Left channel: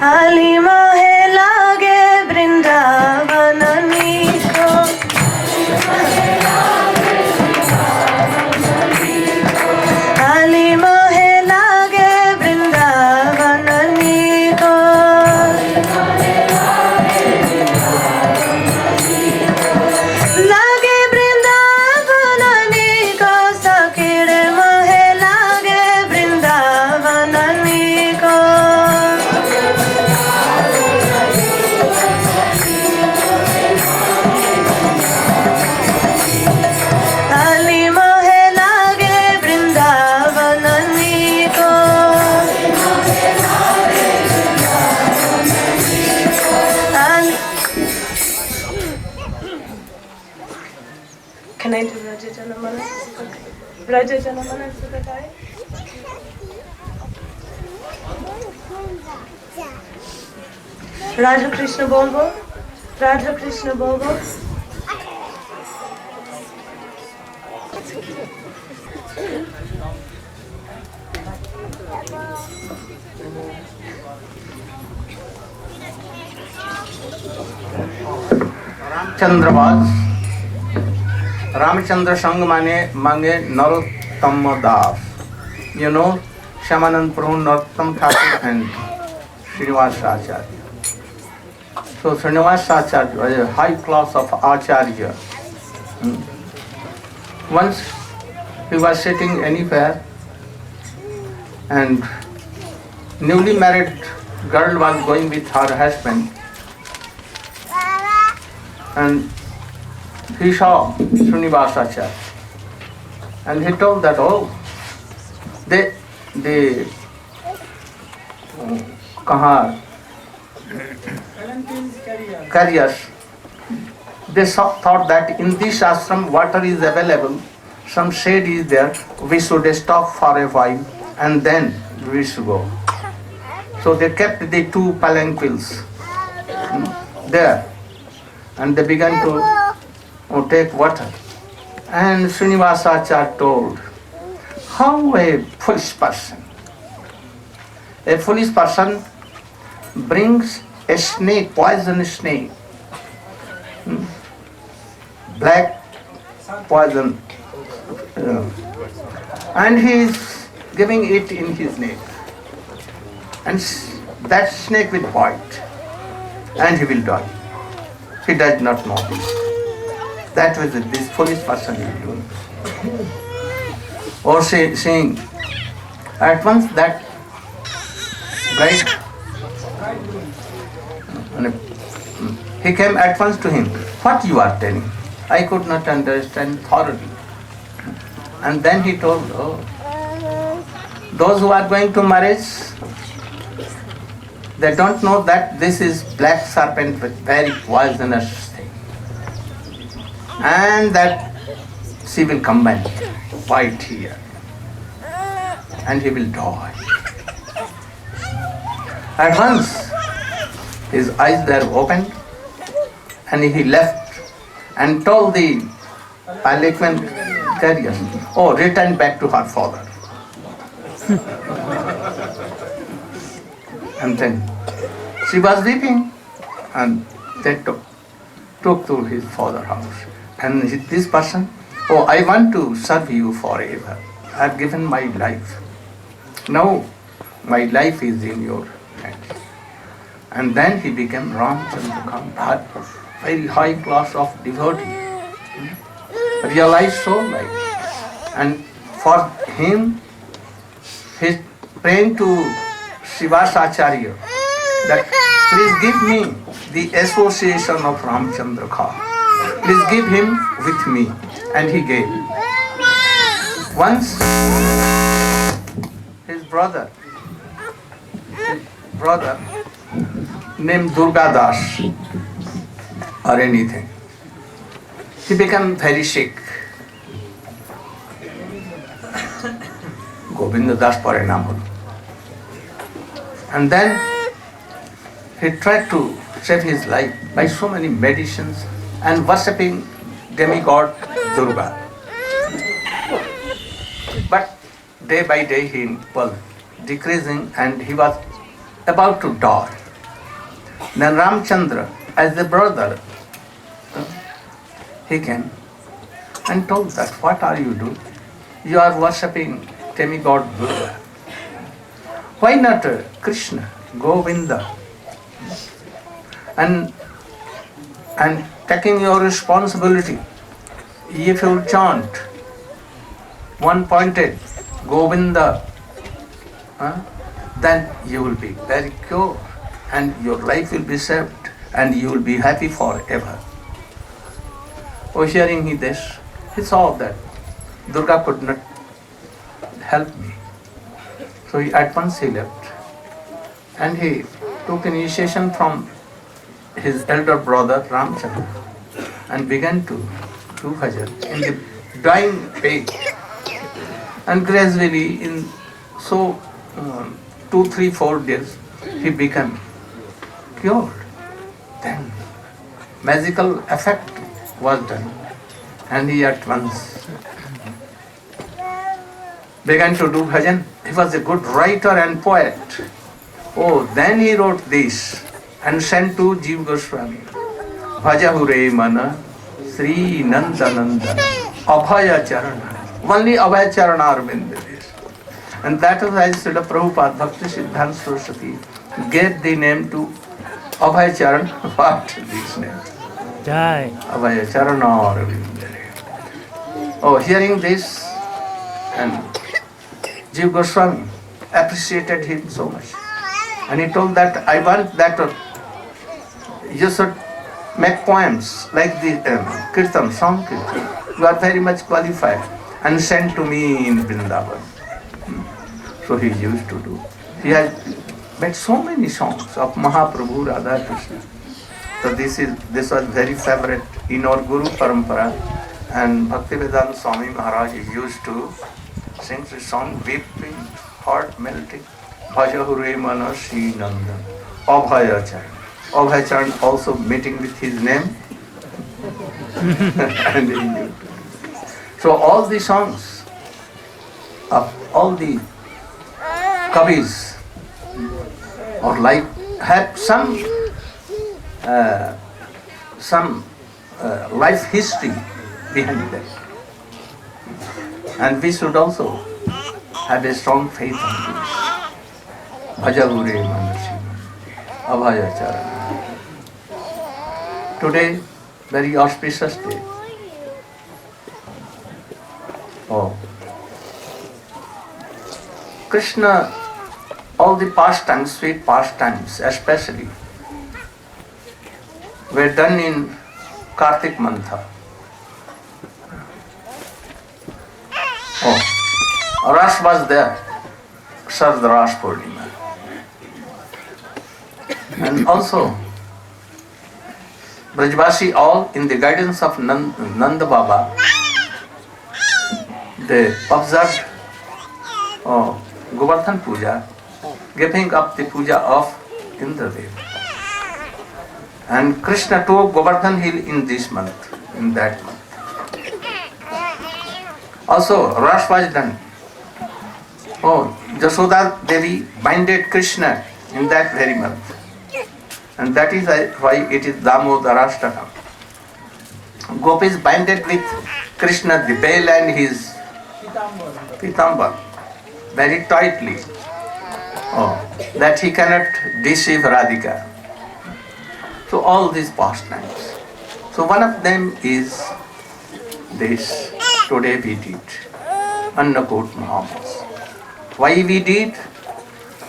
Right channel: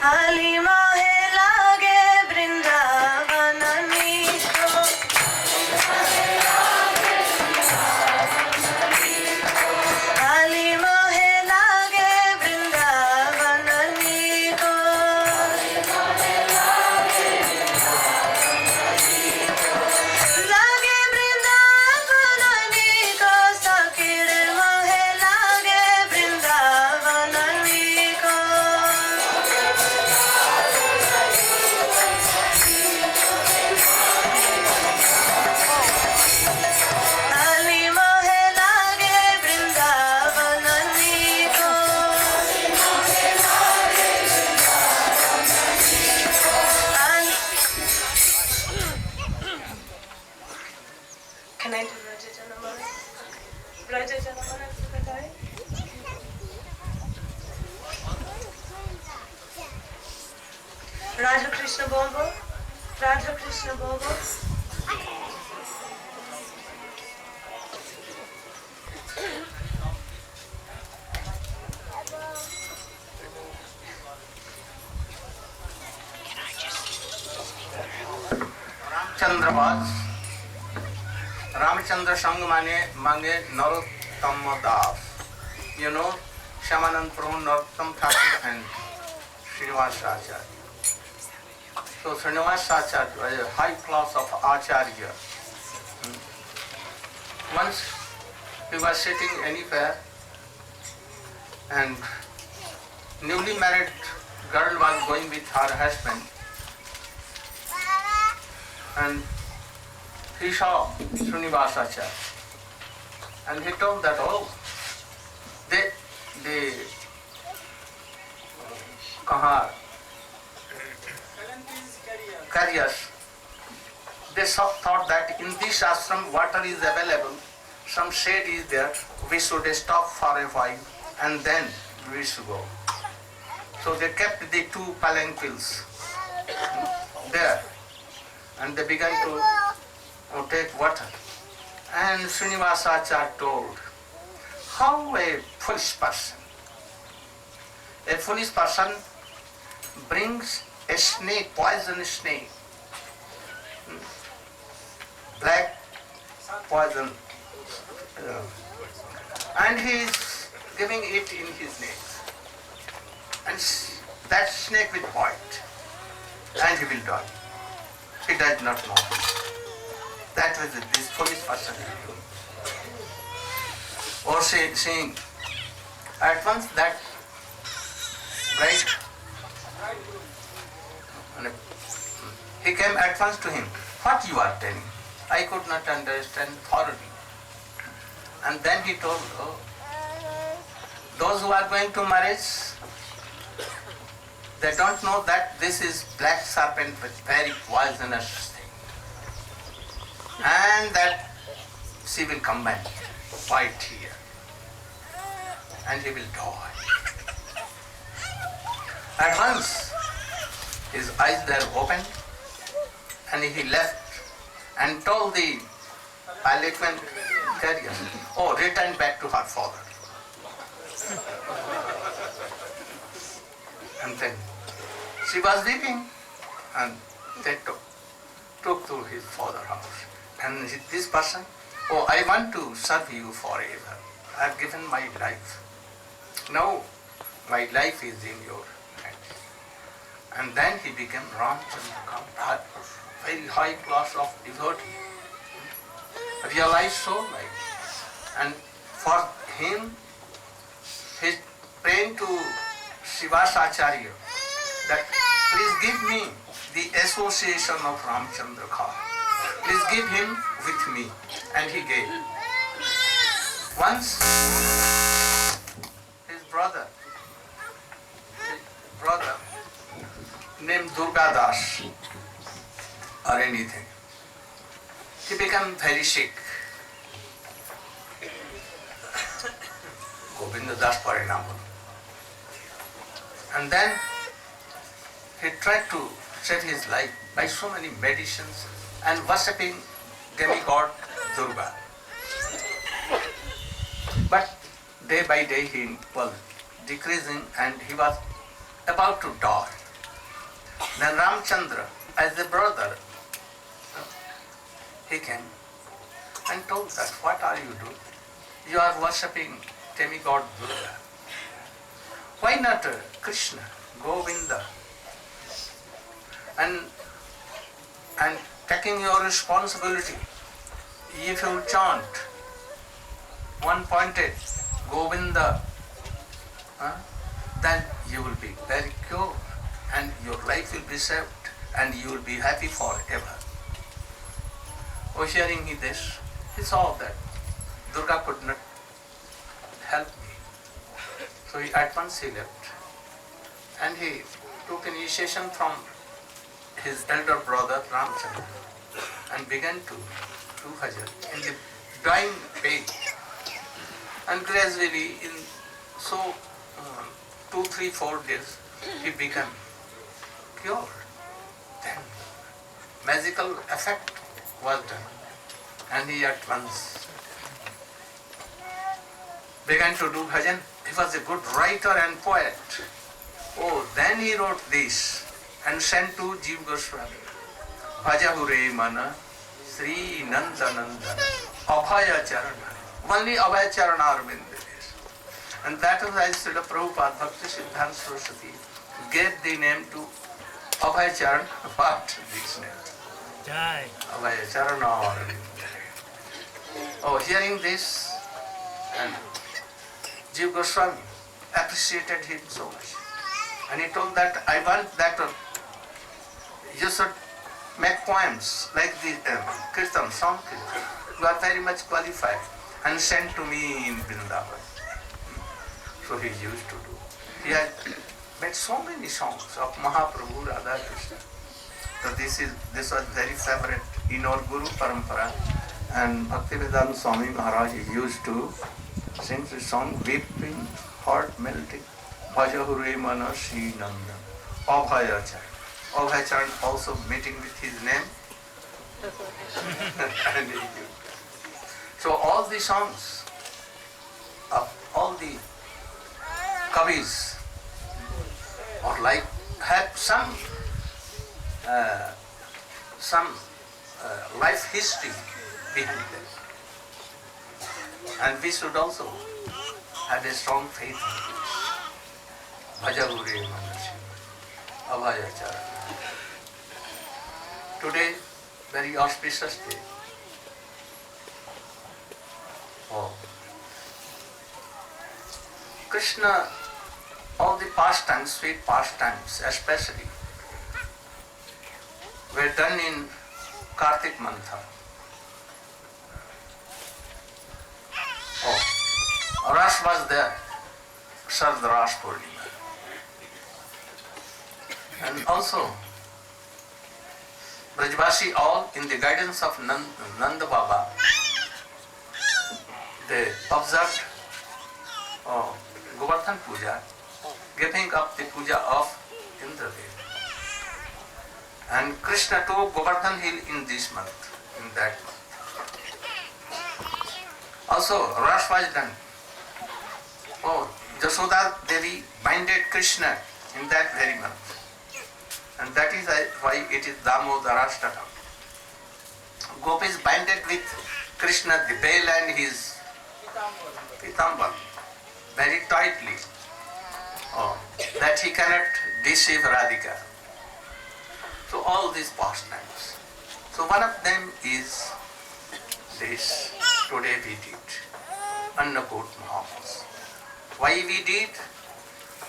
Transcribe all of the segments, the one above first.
आली मोहे लागे वृंदावन नीको आली मोहे लागे वृंदावन नीको लागे वृंदावन नीको सखीर मोहे लागे वृंदावन नीको Can I do Raja Janamana? Raja Janamana Sudhakai? Radha Krishna Bolbo? Radha Krishna Bolbo? Ramchandra Sang mange Narottam Das. You know, Shamanand Prabhu, Narottam Thakur and Srinivasa Acharya. So Srinivasa Acharya was a high class of Acharya. Once he was sitting anywhere and newly married girl was going with her husband and he saw Srinivasa Acharya and he told that, oh, the carriers, they thought that in this ashram water is available, some shade is there, we should stop for a while and then we should go. So they kept the two palanquins there and they began to take water. And Srinivasa Acharya told, how a foolish person brings a snake, poisonous snake, black poison, and he is giving it in his neck. And that snake will bite and he will die. He does not know this. That was this foolish person is doing. Or saying, at once that bride, he came at once to him. What you are telling? I could not understand thoroughly. And then he told, oh, those who are going to marriage, they don't know that this is black serpent with very poisonous thing. And that she will come and bite here. And he will die. At once, his eyes were opened and he left and told the palanquin carrier, oh, return back to her father. And then she was weeping and they took to his father's house. And this person Oh, I want to serve you forever. I have given my life. Now my life is in your hands. And then he became Ramchandra, very high class of devotee. Realized so life. And for him, he's praying to Srivasacharya that please give me the association of Ramchandra Kha. Please give him with me. And he gave. Once his brother named Durga Das or anything, he became very sick. Govinda Das pore naam holo. And then he tried to save his life by so many medicines and worshipping demigod Durga. But day by day he was decreasing and he was about to die. Then Ramchandra, as a brother, he came and told that, what are you doing? You are worshipping demigod Durga. Why not Krishna, Govinda? And taking your responsibility, if you chant one pointed Govinda, then you will be very pure and your life will be saved and you will be happy forever. Oh, hearing this, he saw that Durga could not help me. So at once he left and he took initiation from his elder brother Ramchandra and began to do bhajan in the dying page. And gradually in 2, 3, 4 days he became cured. Then magical effect was done and he at once began to do bhajan. He was a good writer and poet. Oh, then he wrote this and sent to Jiva Goswami. Bhajahure mana Sri Nandanandan Abhaya Charana. Only Abhaya Charana Arvind is. And that is why Srila Prabhupada Bhakti Siddhanta Saraswati gave the name to Abhaya Charan. What this name? Jai. Abhaya Charana Arvind. Oh, hearing this, and Jiva Goswami appreciated him so much. And he told that I want that you should make poems like the Kirtan, song Kirtan. You are very much qualified and send to me in Vrindavan. So he used to do. He has made so many songs of Mahaprabhu, Radha Krishna. So this was very favorite in our Guru Parampara. And Bhaktivedanta Swami Maharaja used to sing the song weeping, heart melting. Bhajahure mana Sri Nandan, Abhaya Charan. Abhaya Charan also meeting with his name. And he used. So all the songs of all the Kavis or like have some life history behind them. And we should also have a strong faith on this. Bhajahure Manasi, Abhaya Charana. Today, very auspicious day. Oh. Krishna, all the pastimes, sweet pastimes especially, were done in Kartik Mantha. Oh, Ras was there, Sard Ras Purnima. And also, Brajvasi all in the guidance of Nanda Baba, they observed Govardhan Puja, giving up the puja of Indradev. And Krishna took Govardhan Hill in this month, in that month. Also, Ras was done. Oh, Jasoda Devi binded Krishna in that very month. And that is why it is Damodarashtakam. Gopis binded with Krishna the bell and his pitambar very tightly, that he cannot deceive Radhika. So all these pastimes. So one of them is this, today we did, Annakot Mahamas. Why we did?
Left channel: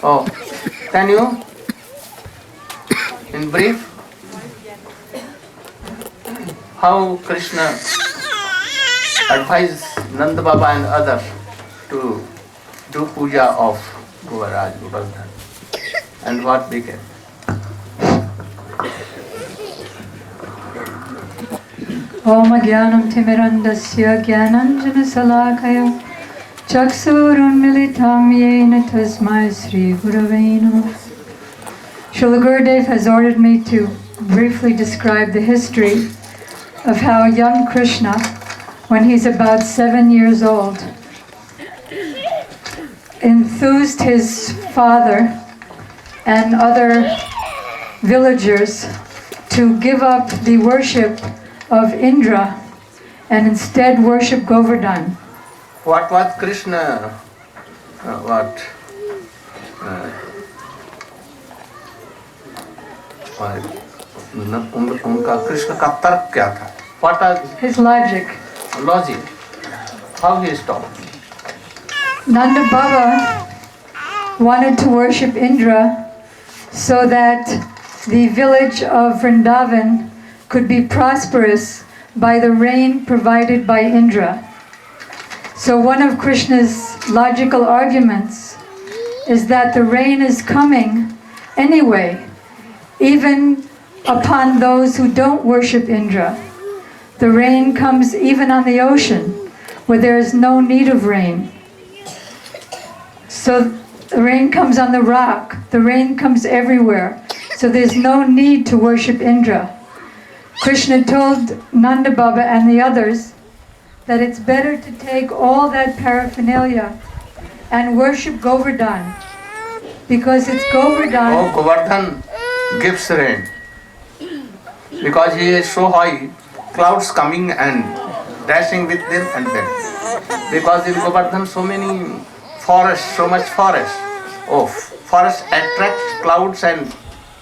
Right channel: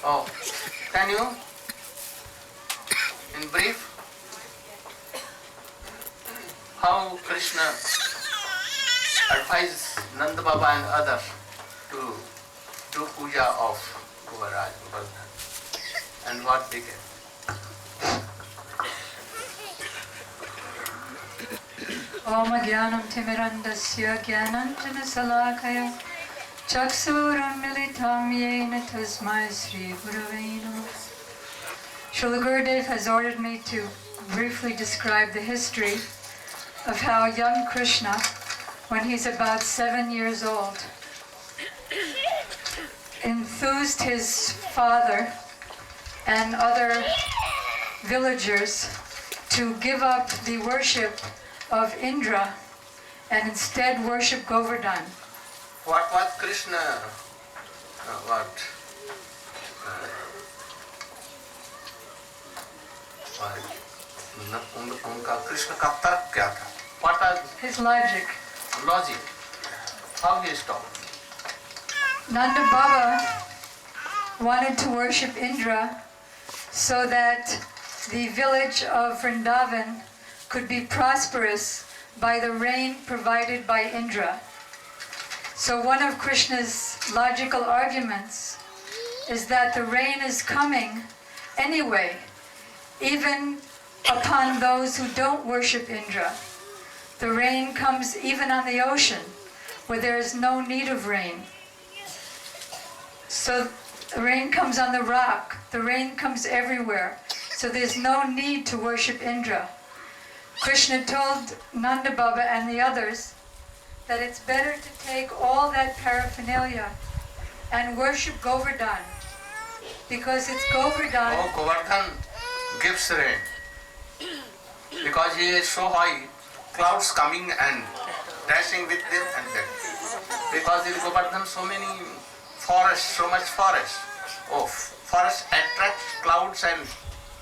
Oh, can you, in brief, how Krishna advised Nanda Baba and others to do puja of Govardhan, and what became? Om Jnanam Timirandasya Jnananjana Salakaya Chaksuram Militam Yena Tasmai Sri Gurave Namah. Srila Gurudev has ordered me to briefly describe the history of how young Krishna, when he's about 7 years old, enthused his father and other villagers to give up the worship of Indra and instead worship Govardhan. What was Krishna, उनका कृष्ण का तर्क क्या था? What was his logic? How he stopped? Nanda Baba wanted to worship Indra so that the village of Vrindavan could be prosperous by the rain provided by Indra. So one of Krishna's logical arguments is that the rain is coming anyway, even upon those who don't worship Indra. The rain comes even on the ocean, where there is no need of rain. So the rain comes on the rock, the rain comes everywhere, so there's no need to worship Indra. Krishna told Nanda Baba and the others that it's better to take all that paraphernalia and worship Govardhan, because it's Govardhan. Oh, Govardhan gives rain. Because he is so high, clouds coming and dashing with them and them. Because in Govardhan so many forests, so much forest. Oh, forest attracts clouds and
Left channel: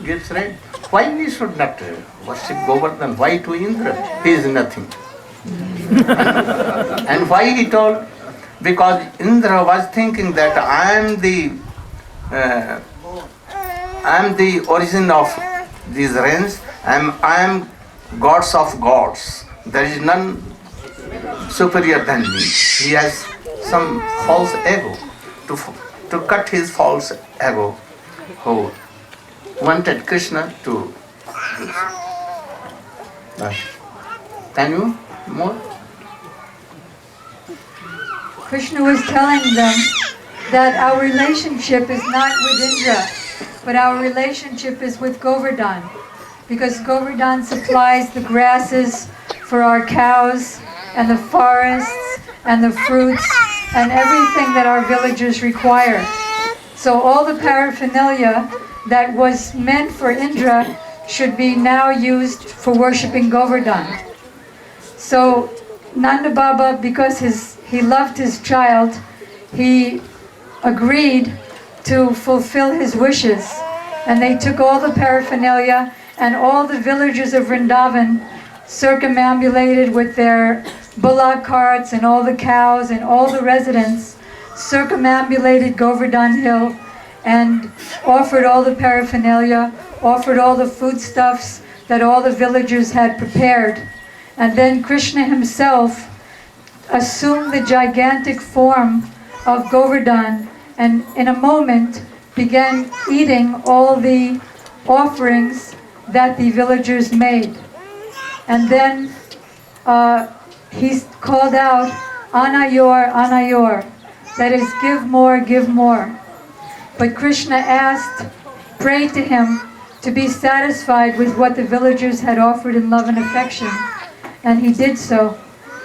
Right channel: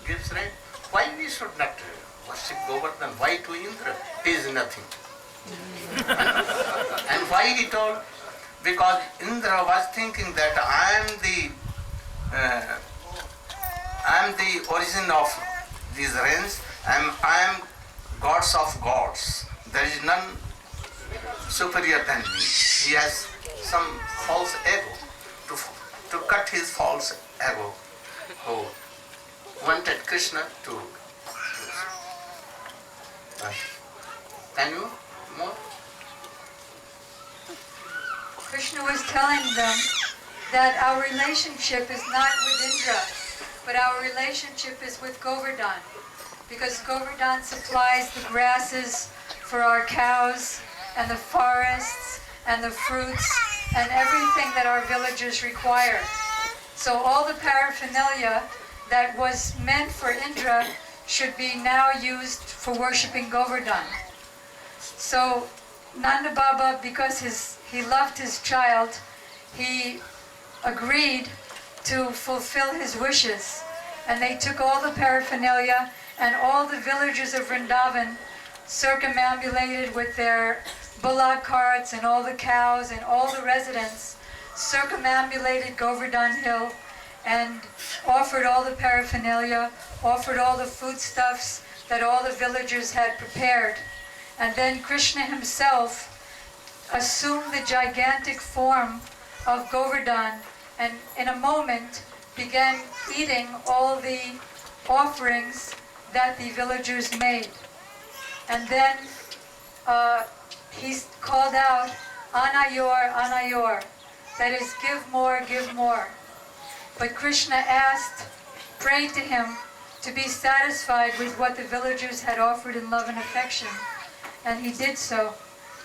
gives rain. Why we should not worship Govardhan? Why to Indra? He is nothing. And why he told? Because Indra was thinking that I am the origin of these rains. I am gods of gods. There is none superior than me. He has some false ego. To cut his false ego, who wanted Krishna to do. Can you more? Krishna was telling them that our relationship is not with Indra, but our relationship is with Govardhan, because Govardhan supplies the grasses for our cows and the forests and the fruits and everything that our villagers require. So all the paraphernalia that was meant for Indra should be now used for worshipping Govardhan. So Nanda Baba, because he loved his child, he agreed to fulfill his wishes. And they took all the paraphernalia, and all the villagers of Vrindavan circumambulated with their bullock carts, and all the cows and all the residents circumambulated Govardhan Hill and offered all the paraphernalia, offered all the foodstuffs that all the villagers had prepared. And then Krishna himself assumed the gigantic form of Govardhan and in a moment began eating all the offerings that the villagers made. And then he called out, Anayor, Anayor, that is, give more, give more. But Krishna asked, prayed to him to be satisfied with what the villagers had offered in love and affection. And he did so,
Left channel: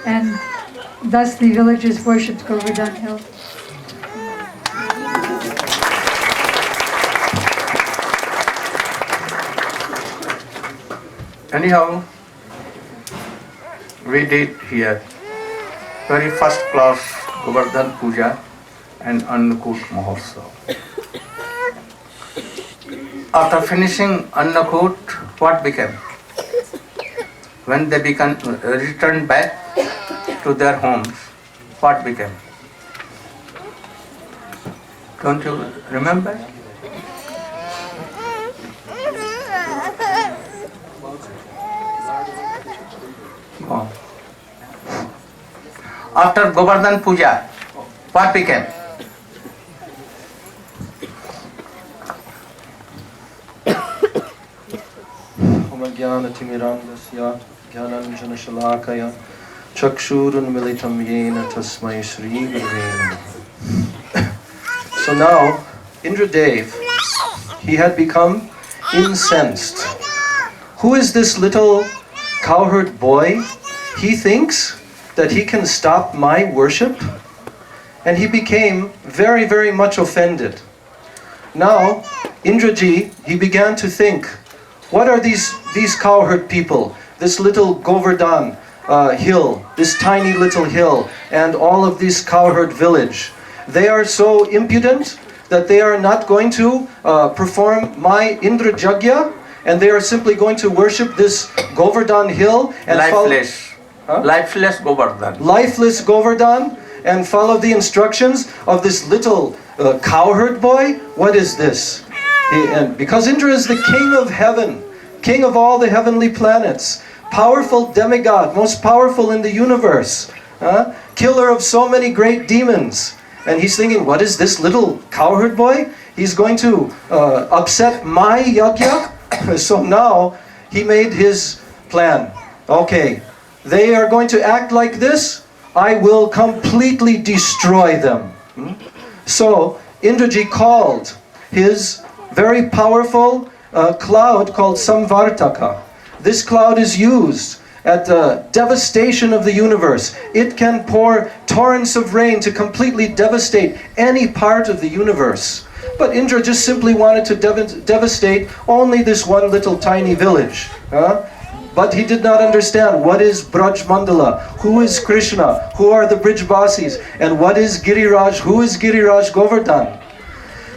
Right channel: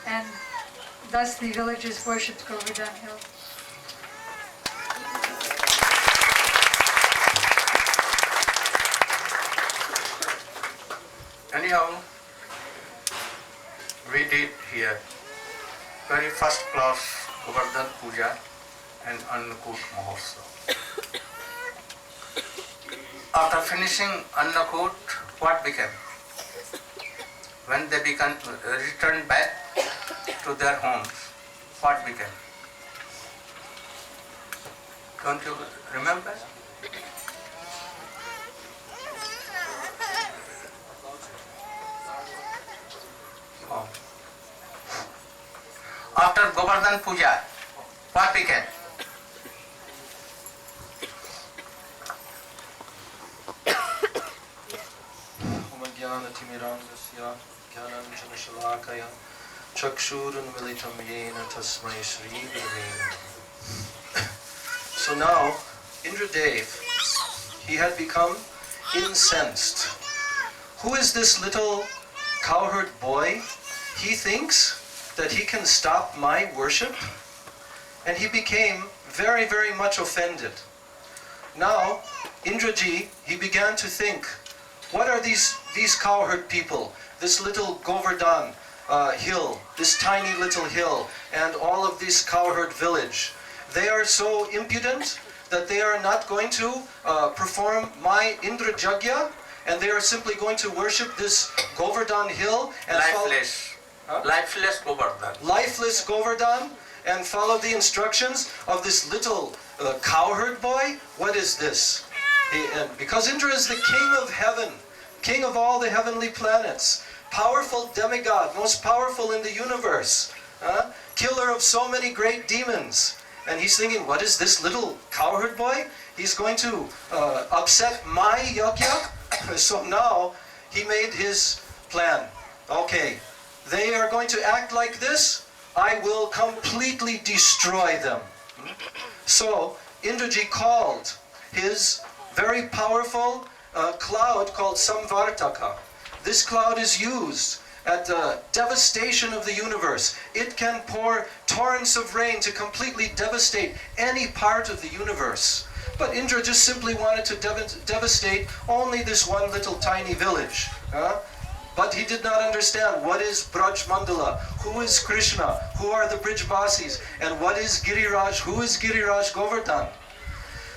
and thus the villagers worshipped Govardhan Hill. Anyhow, we did here very first class Govardhan Puja and Annakut Mahotsav. After finishing Annakut, what became? When they returned back to their homes, what became? Don't you remember? Oh. After Govardhan Puja, what became? Jnana-timirandasya jnananjana-shalakaya chakshurunmilitam yena tasmai Sri Gurave Namaha. So now, Indradev, he had become incensed. Who is this little cowherd boy? He thinks that he can stop my worship? And he became very, very much offended. Now, Indraji, he began to think, what are these cowherd people? This little Govardhan hill, this tiny little hill, and all of this cowherd village. They are so impudent that they are not going to perform my Indra Jagya, and they are simply going to worship this Govardhan hill and lifeless Govardhan. Lifeless Govardhan, and follow the instructions of this little cowherd boy? What is this? And because Indra is the king of heaven, king of all the heavenly planets, powerful demigod, most powerful in the universe, killer of so many great demons. And he's thinking, what is this little cowherd boy? He's going to upset my yajna? So now he made his plan. Okay, they are going to act like this, I will completely destroy them. So Indraji called his very powerful cloud called Samvartaka. This cloud is used at the devastation of the universe. It can pour torrents of rain to completely devastate any part of the universe. But Indra just simply wanted to devastate only this one little tiny village. But he did not understand what is Braj Mandala, who is Krishna, who are the Brijbasis, and what is Giriraj, who is Giriraj Govardhan.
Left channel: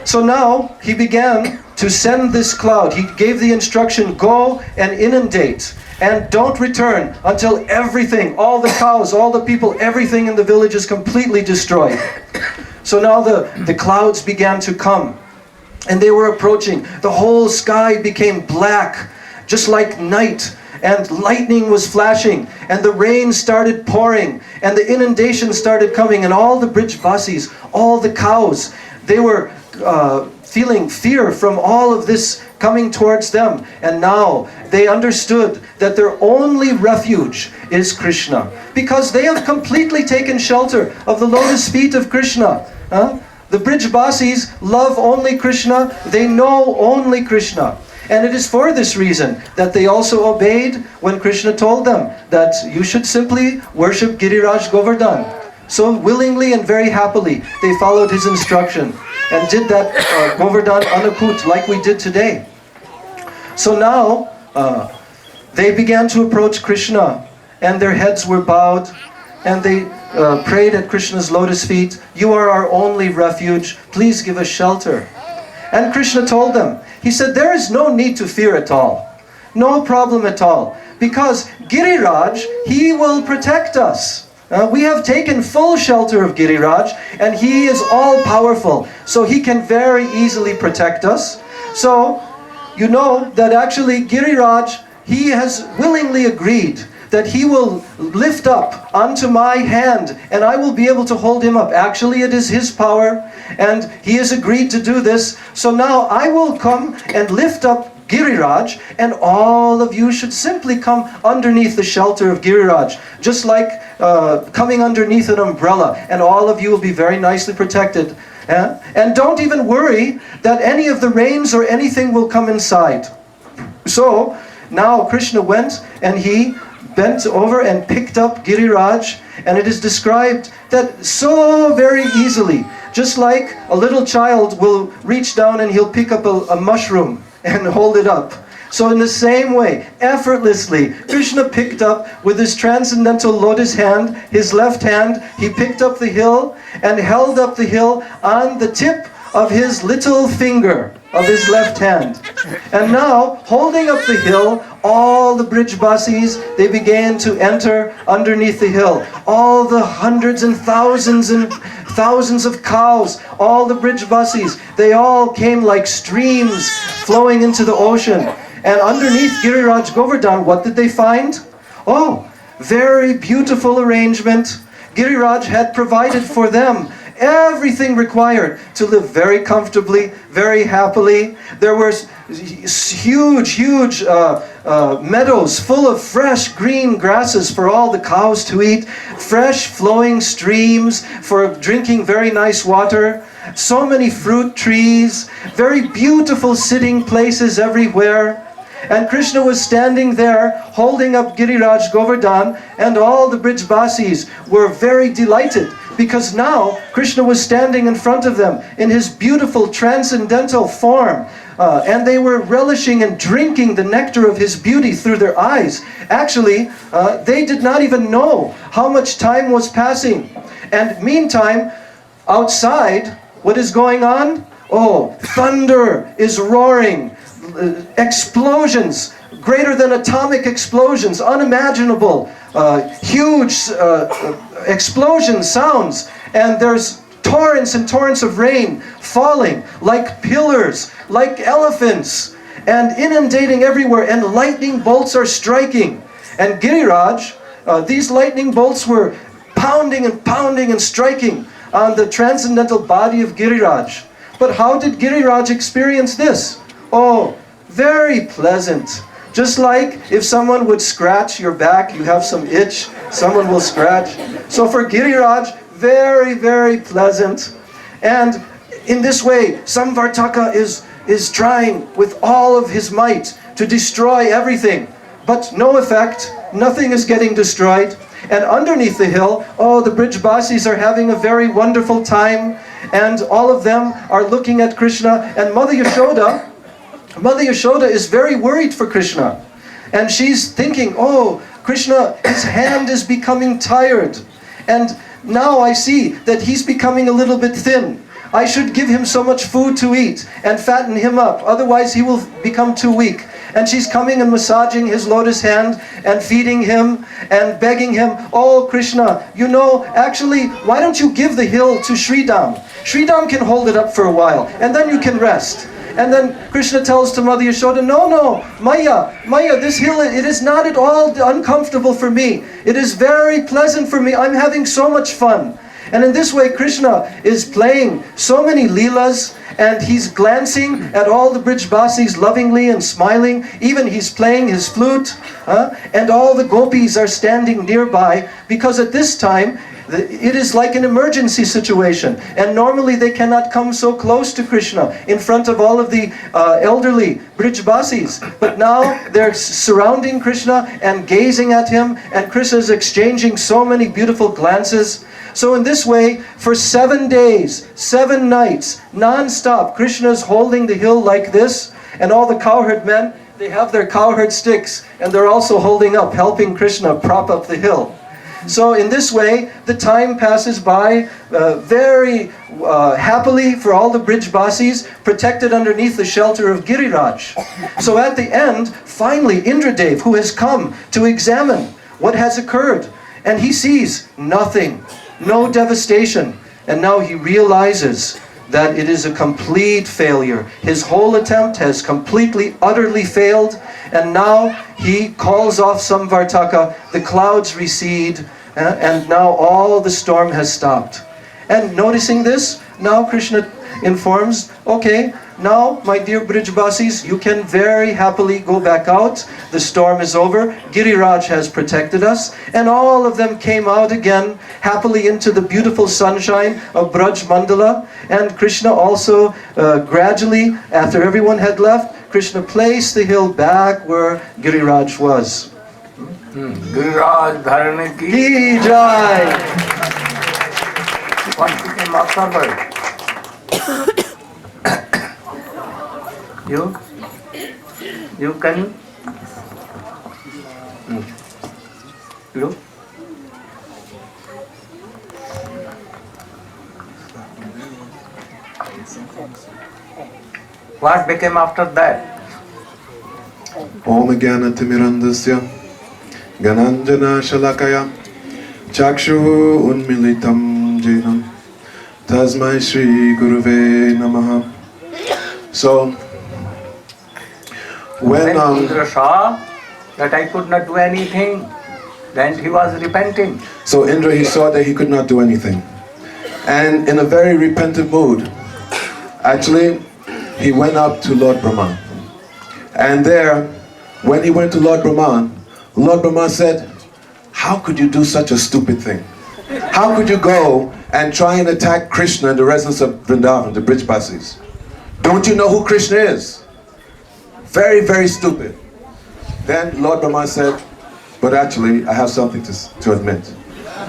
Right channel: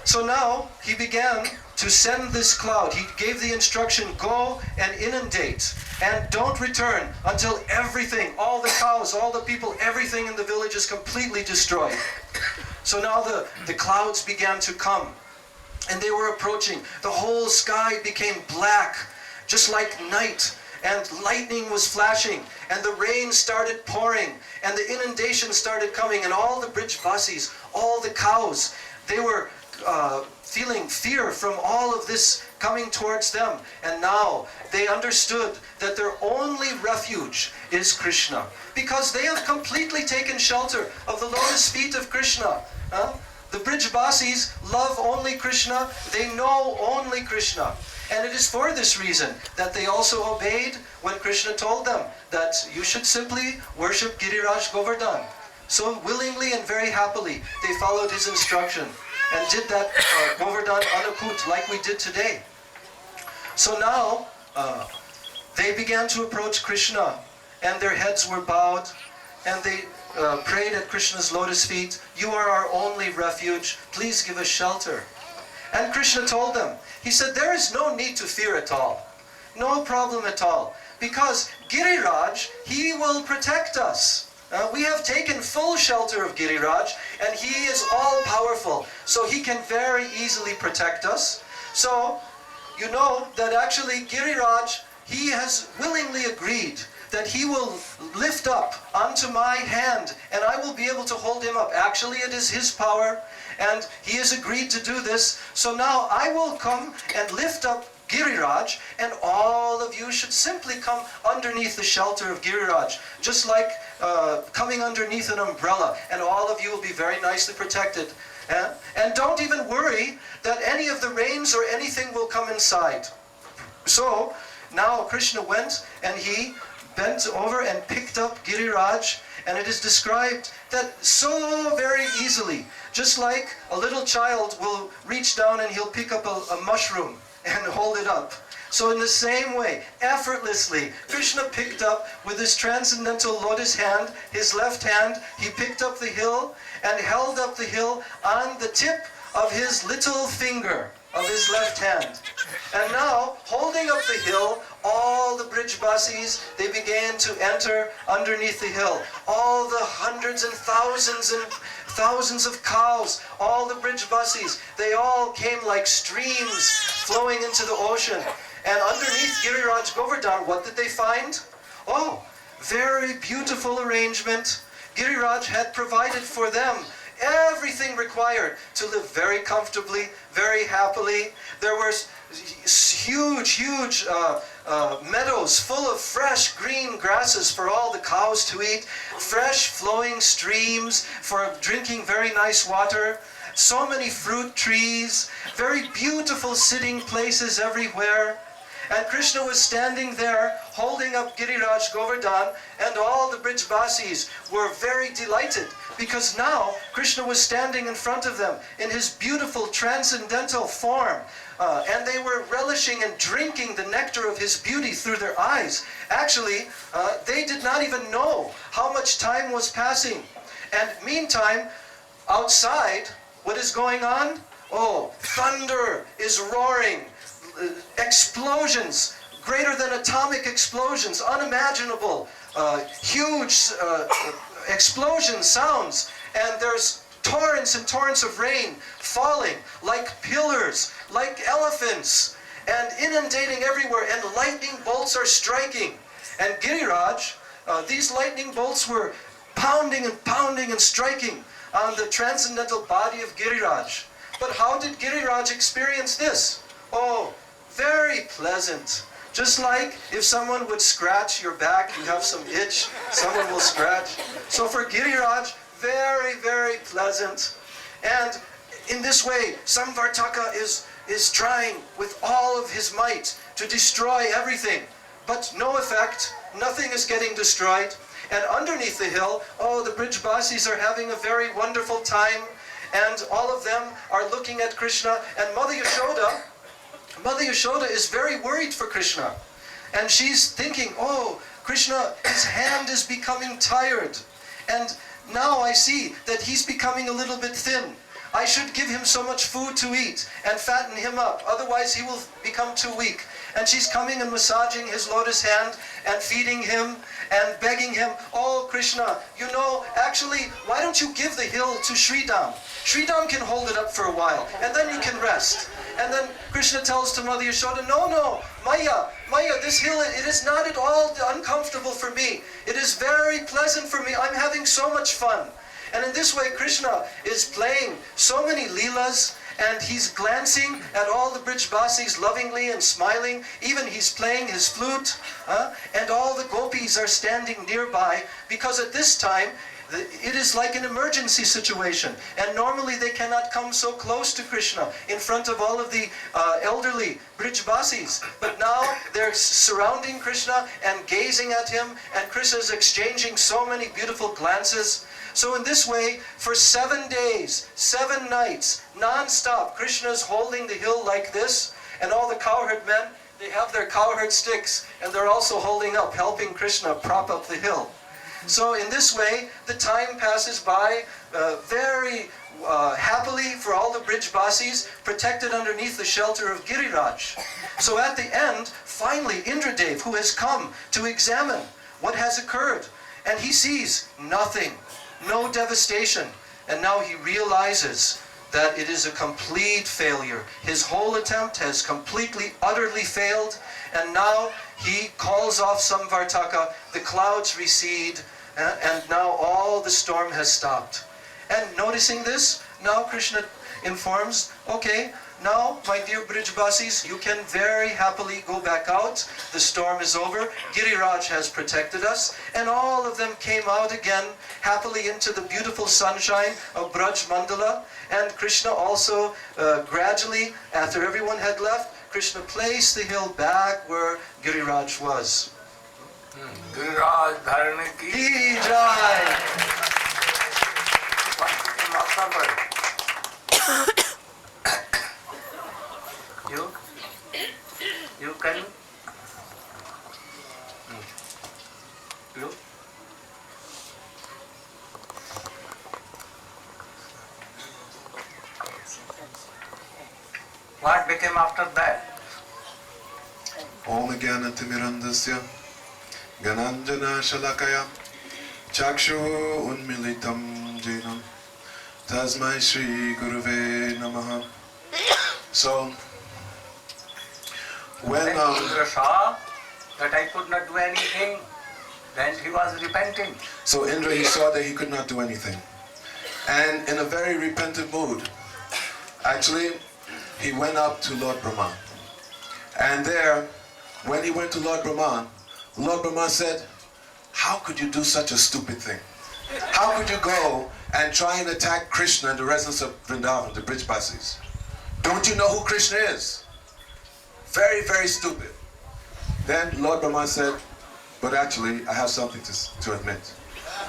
So now he began to send this cloud. He gave the instruction, go and inundate, and don't return until everything, all the cows, all the people, everything in the village is completely destroyed. So now the clouds began to come, and they were approaching. The whole sky became black, just like night, and lightning was flashing, and the rain started pouring, and the inundation started coming, and all the Brijbasis, all the cows, they were feeling fear from all of this coming towards them. And now they understood that their only refuge is Krishna, because they have completely taken shelter of the lotus feet of Krishna. The Brijbasis love only Krishna, they know only Krishna. And it is for this reason that they also obeyed when Krishna told them that you should simply worship Giriraj Govardhan. So willingly and very happily they followed his instruction and did that Govardhan Annakut like we did today. So now they began to approach Krishna, and their heads were bowed, and they prayed at Krishna's lotus feet. You are our only refuge, please give us shelter. And Krishna told them, he said, there is no need to fear at all, no problem at all, because Giriraj, he will protect us. We have taken full shelter of Giriraj, and he is all powerful, so he can very easily protect us. So you know that actually Giriraj, he has willingly agreed that he will lift up onto my hand, and I will be able to hold him up. Actually, it is his power, and he has agreed to do this. So now I will come and lift up Giriraj, and all of you should simply come underneath the shelter of Giriraj, just like coming underneath an umbrella, and all of you will be very nicely protected. And don't even worry that any of the rains or anything will come inside. So now Krishna went and he bent over and picked up Giriraj, and it is described that so very easily, just like a little child will reach down and he'll pick up a mushroom and hold it up. So in the same way, effortlessly, Krishna picked up with his transcendental lotus hand, his left hand, he picked up the hill and held up the hill on the tip of his little finger of his left hand. And now, holding up the hill, all the Brijbasis, they began to enter underneath the hill. All the hundreds and thousands of cows, all the Brijbasis, they all came like streams flowing into the ocean. And underneath Giriraj Govardhan, what did they find? Oh, very beautiful arrangement. Giriraj had provided for them everything required to live very comfortably, very happily. There were huge meadows full of fresh green grasses for all the cows to eat, fresh flowing streams for drinking very nice water, so many fruit trees, very beautiful sitting places everywhere. And Krishna was standing there holding up Giriraj Govardhan, and all the Brijbasis were very delighted because now Krishna was standing in front of them in his beautiful transcendental form, and they were relishing and drinking the nectar of his beauty through their eyes. Actually, they did not even know how much time was passing. And meantime, outside, what is going on? Oh, thunder is roaring. Explosions, greater than atomic explosions, unimaginable, huge explosion sounds, and there's torrents and torrents of rain falling like pillars, like elephants, and inundating everywhere, and lightning bolts are striking. And Giriraj, these lightning bolts were pounding and striking on the transcendental body of Giriraj. But how did Giriraj experience this? Oh, very pleasant. Just like if someone would scratch your back, you have some itch, someone will scratch. So for Giriraj, very, very pleasant. And in this way, Samvartaka is trying with all of his might to destroy everything. But no effect, nothing is getting destroyed. And underneath the hill, oh, the Brijbasis are having a very wonderful time. And all of them are looking at Krishna. And Mother Yashoda is very worried for Krishna. And she's thinking, oh, Krishna, his hand is becoming tired. And now I see that he's becoming a little bit thin. I should give him so much food to eat and fatten him up. Otherwise he will become too weak. And she's coming and massaging his lotus hand and feeding him and begging him, oh Krishna, you know, actually, why don't you give the hill to Sridham? Sridham can hold it up for a while and then you can rest. And then Krishna tells to Mother Yashoda, no, Maya, this hill, it is not at all uncomfortable for me. It is very pleasant for me. I'm having so much fun. And in this way, Krishna is playing so many leelas, and he's glancing at all the Brijbasis lovingly and smiling. Even he's playing his flute, and all the gopis are standing nearby, because at this time, it is like an emergency situation, and normally they cannot come so close to Krishna in front of all of the elderly Brijbasis. But now they're surrounding Krishna and gazing at him, and Krishna is exchanging so many beautiful glances. So in this way, for 7 days, 7 nights, non-stop, Krishna is holding the hill like this, and all the cowherd men, they have their cowherd sticks, and they're also holding up, helping Krishna prop up the hill. So in this way, the time passes by very happily for all the Brijbasis, protected underneath the shelter of Giriraj. So at the end, finally, Indradev, who has come to examine what has occurred, and he sees nothing, no devastation, and now he realizes that it is a complete failure. His whole attempt has completely, utterly failed, and now he calls off Samvartaka, the clouds recede, and now all the storm has stopped. And noticing this, now Krishna informs, okay, now my dear Brijbasis, you can very happily go back out. The storm is over. Giriraj has protected us. And all of them came out again happily into the beautiful sunshine of Braj Mandala. And Krishna also gradually, after everyone had left, Krishna placed the hill back where Giriraj was. Giriraj Dharane Ki Jai! You? You can look. What became after that? Om Jnana-timirandasya Gananjana Shalakaya Chakshu Unmilitam Jenam Tasmai Shri Guruve Namaha. So, when Indra saw that I could not do anything, then he was repenting. So Indra, he saw that he could not do anything. And in a very repentant mood, actually, he went up to Lord Brahman. And there, when he went to Lord Brahman said, how could you do such a stupid thing? How could you go and try and attack Krishna in the residence of Vrindavan, the Brijbasis? Don't you know who Krishna is? Very, very stupid. Then Lord Brahman said, but actually, I have something to admit.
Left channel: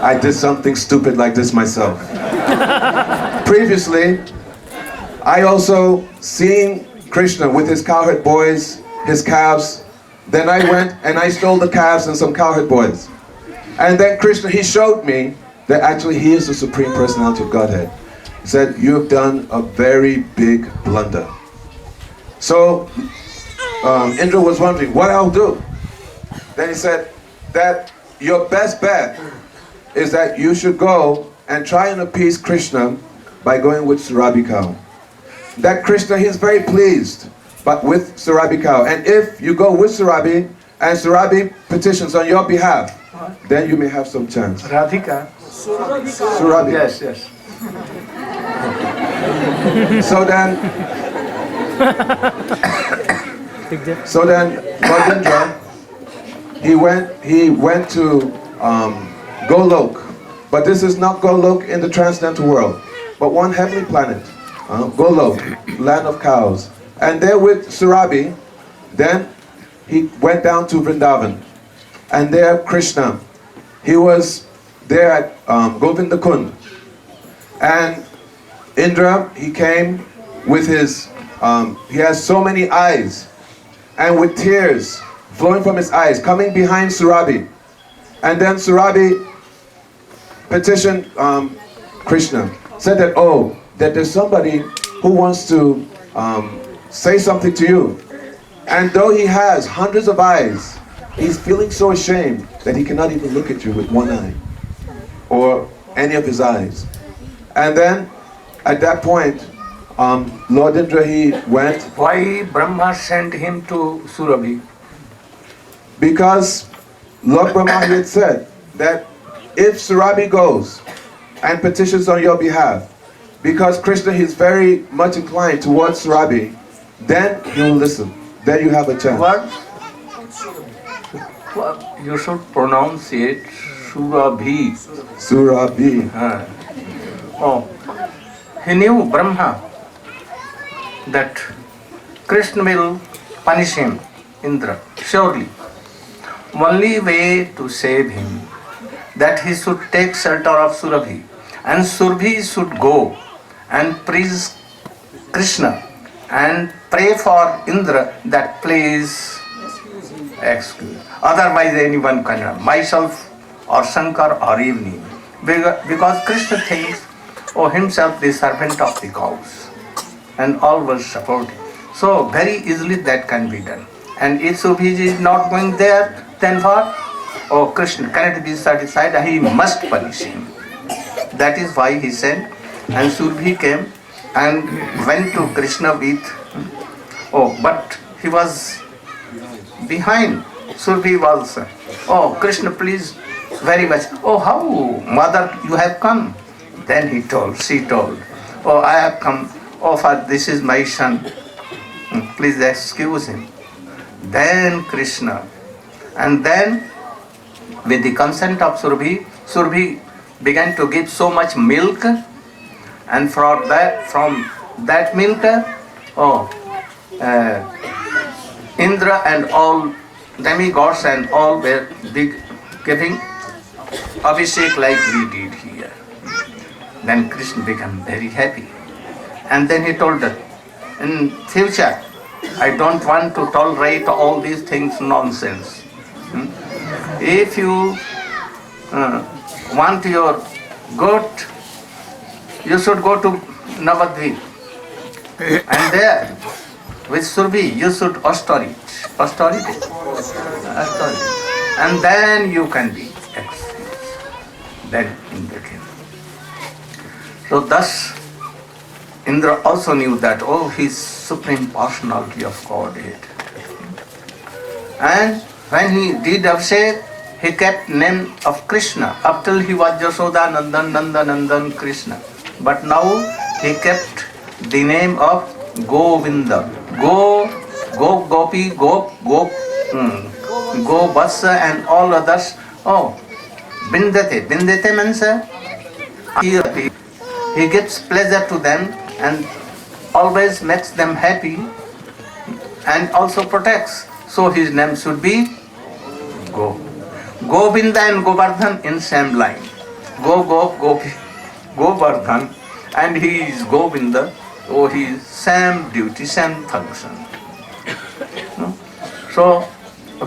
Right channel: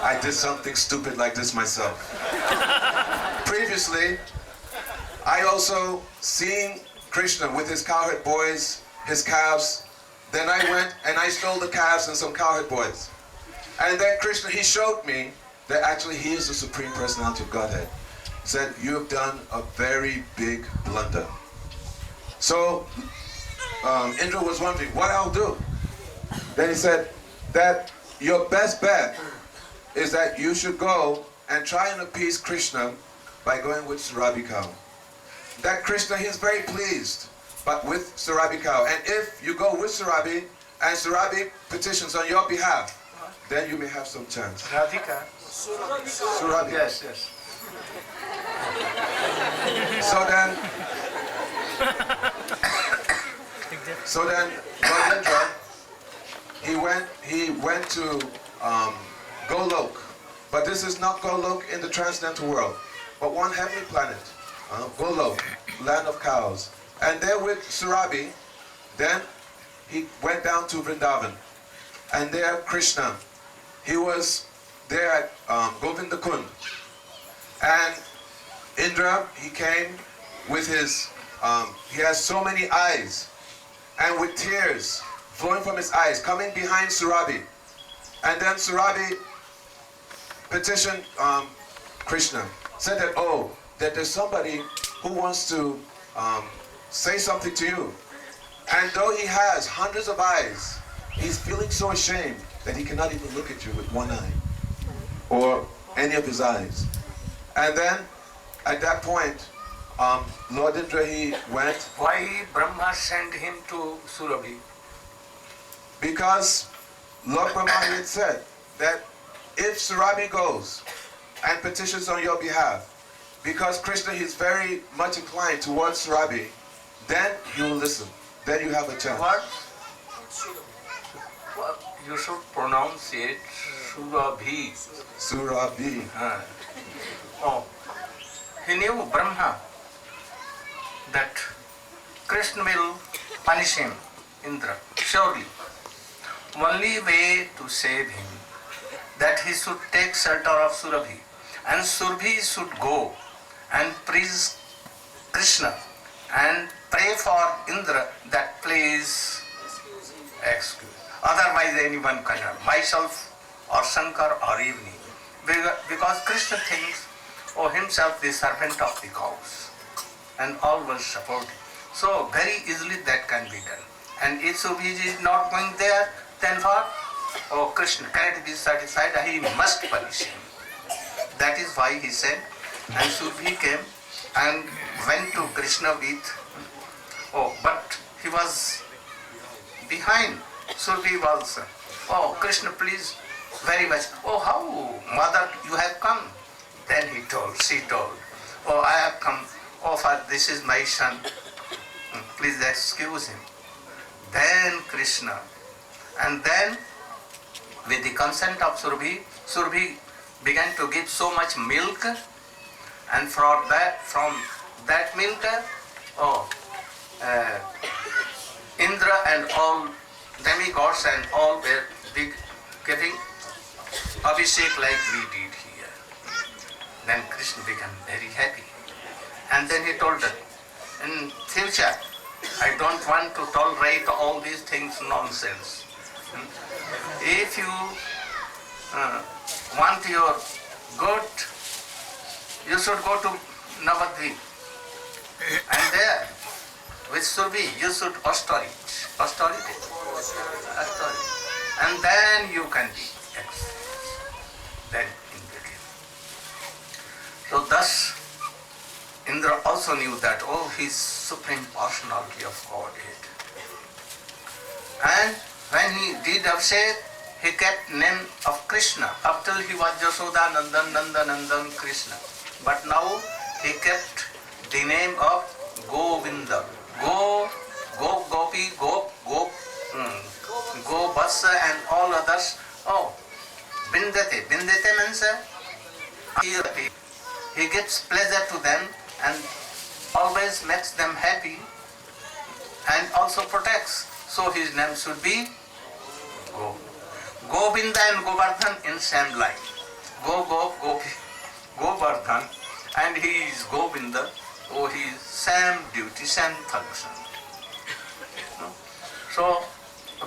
I did something stupid like this myself. Previously, I also seen Krishna with his cowherd boys, his calves. Then I went and I stole the calves and some cowherd boys. And then Krishna, he showed me that actually he is the Supreme Personality of Godhead. He said, you have done a very big blunder. So Indra was wondering what I'll do. Then he said that your best bet is that you should go and try and appease Krishna by going with Surabhi cow. That Krishna, he is very pleased but with Surabhi cow. And if you go with Surabhi and Surabhi petitions on your behalf, then you may have some chance. Radhika? Surabhi. Yes, yes. So then Lord Indra, he went to Golok. But this is not Golok in the transcendental world, but one heavenly planet. Golok, land of cows. And there with Surabhi, then he went down to Vrindavan. And there Krishna, he was there at Govinda Kund. And Indra, he came with his, he has so many eyes, and with tears flowing from his eyes, coming behind Surabhi. And then Surabhi petitioned Krishna, said that, oh, that there's somebody who wants to say something to you. And though he has hundreds of eyes, he's feeling so ashamed that he cannot even look at you with one eye or any of his eyes. And then at that point, Lord Indra, he went. Why Brahma sent him to Surabhi? Because Lord Brahma had said that if Surabhi goes and petitions on your behalf, because Krishna is very much inclined towards Surabhi, then he will listen. Then you have a chance. What? You should pronounce it Surabhi. Surabhi. Oh, he knew Brahma that Krishna will punish him, Indra, surely. Only way to save him, that he should take shelter of Surabhi, and Surabhi should go and praise Krishna and pray for Indra that please excuse. Otherwise anyone cannot, myself or Shankar or even him. Because Krishna thinks himself the servant of the cows and all will support him. So very easily that can be done. And if Surabhi is not going there, then what? Oh, Krishna cannot be satisfied, he must punish him. That is why he sent, and Surabhi came and went to Krishna with, but he was behind. Surabhi was, Krishna please, very much. Oh, how, mother, you have come? Then she told, I have come, for this is my son. Please excuse him. Then Krishna, and then with the consent of Surabhi, Surabhi began to give so much milk, and from that milk, Indra and all demigods and all were giving abhishek like we did here. Then Krishna became very happy. And then he told that in future, I don't want to tolerate all these things nonsense. If you want your good, you should go to Navadvip. And there, with Surbi, you should austerity. And then you can be experienced. Then in between. So thus, Indra also knew that, oh, he is Supreme Personality of Godhead. And when he did Abhishek, he kept name of Krishna. Up till he was Yashoda Nandan, Nandanandan Krishna. But now he kept the name of Govinda. Go Gopi, Go Vatsa and all others. Oh, Bindate. Bindate means he gives pleasure to them and always makes them happy and also protects. So his name should be Go. Govinda and Govardhan in same line. Gopi, Govardhan, and he is Govinda. Oh, he is same duty, same function. No? So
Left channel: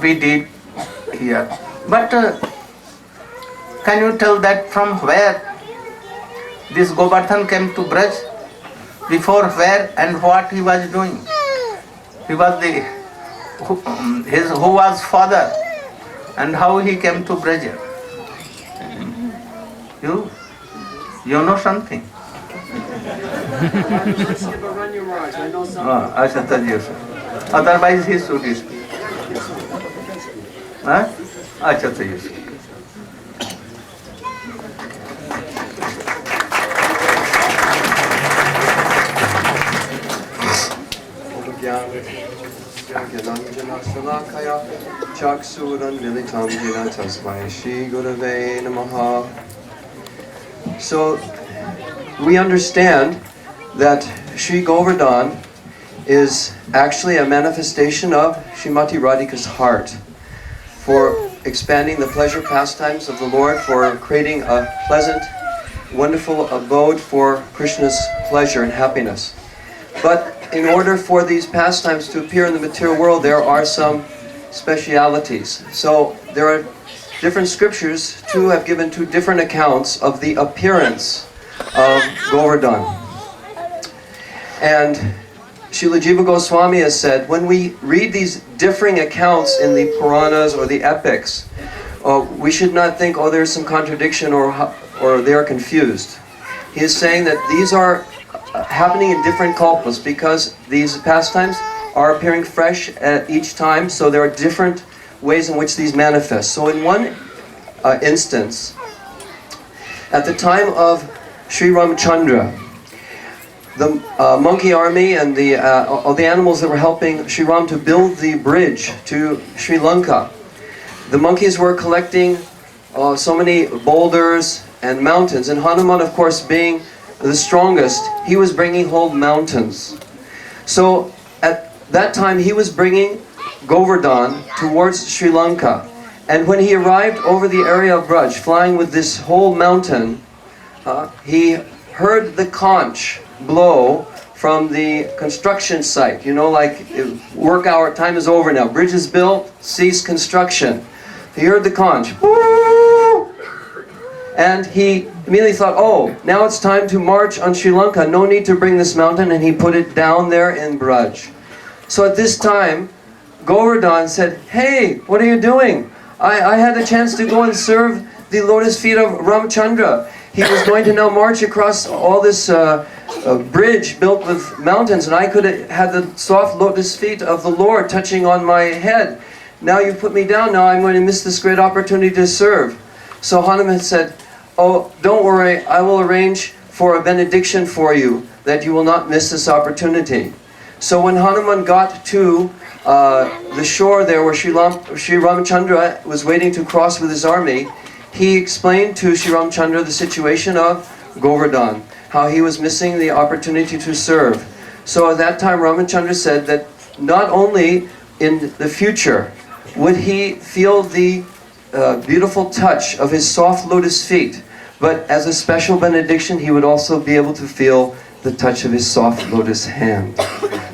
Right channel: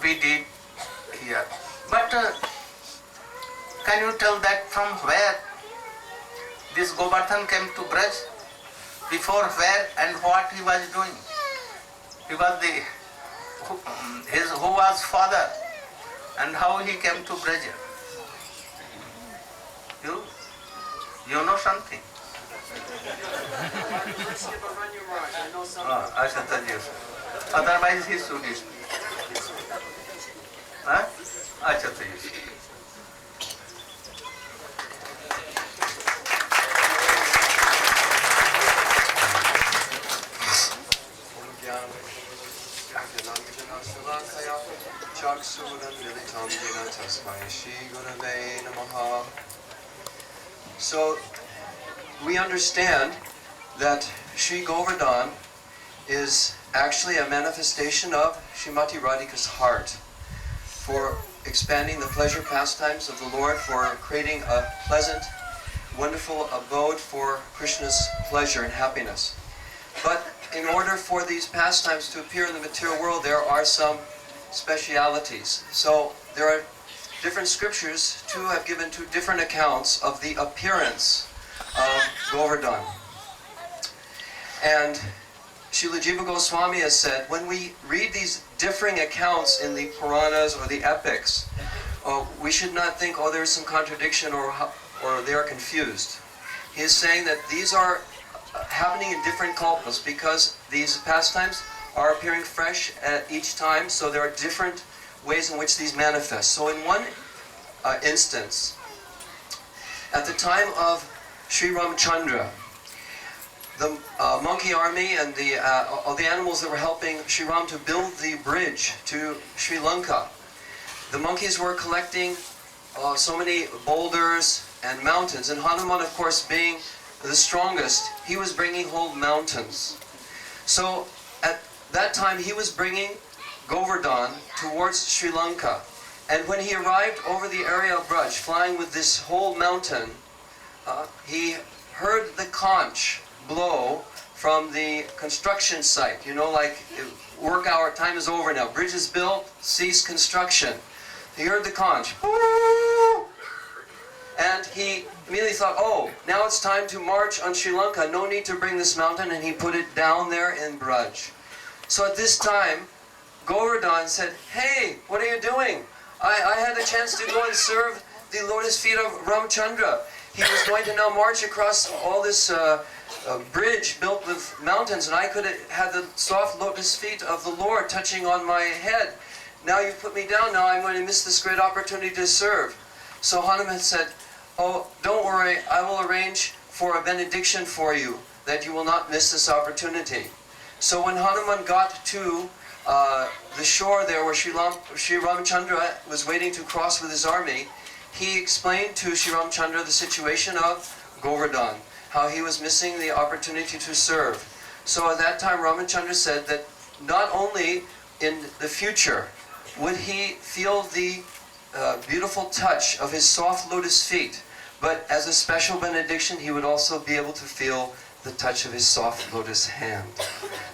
we did here. But can you tell that from where this Govardhan came to Braj? Before where and what he was doing? He was who was father and how he came to Braj? You know something? I should tell you. Otherwise he should speak. I should tell you. So we understand that Sri Govardhan is actually a manifestation of Srimati Radhika's heart for expanding the pleasure pastimes of the Lord, for creating a pleasant, wonderful abode for Krishna's pleasure and happiness. But in order for these pastimes to appear in the material world, there are some specialities. So there are different scriptures too have given two different accounts of the appearance of Govardhan. And Srila Jiva Goswami has said, when we read these differing accounts in the Puranas or the epics, we should not think, oh, there's some contradiction or they're confused. He is saying that these are happening in different kalpas because these pastimes are appearing fresh at each time, so there are different ways in which these manifest. So in one instance, at the time of Sri Ramchandra, the monkey army and all the animals that were helping Sri Ram to build the bridge to Sri Lanka, the monkeys were collecting so many boulders and mountains, and Hanuman, of course, being the strongest, he was bringing whole mountains. So at that time he was bringing Govardhan towards Sri Lanka, and when he arrived over the area of Braj, flying with this whole mountain, he heard the conch blow from the construction site. You know, like work hour time is over now, bridge is built, cease construction. He heard the conch. And he immediately thought, oh, now it's time to march on Sri Lanka. No need to bring this mountain. And he put it down there in Braj. So at this time, Govardhan said, hey, what are you doing? I had a chance to go and serve the lotus feet of Ramchandra. He was going to now march across all this bridge built with mountains, and I could have had the soft lotus feet of the Lord touching on my head. Now you put me down, now I'm going to miss this great opportunity to serve. So Hanuman said, oh, don't worry, I will arrange for a benediction for you, that you will not miss this opportunity. So when Hanuman got to the shore there where Sri Ramchandra was waiting to cross with his army, he explained to Sri Ramchandra the situation of Govardhan, how he was missing the opportunity to serve. So at that time Ramchandra said that not only in the future would he feel the beautiful touch of his soft lotus feet, but as a special benediction he would also be able to feel the touch of his soft lotus hand.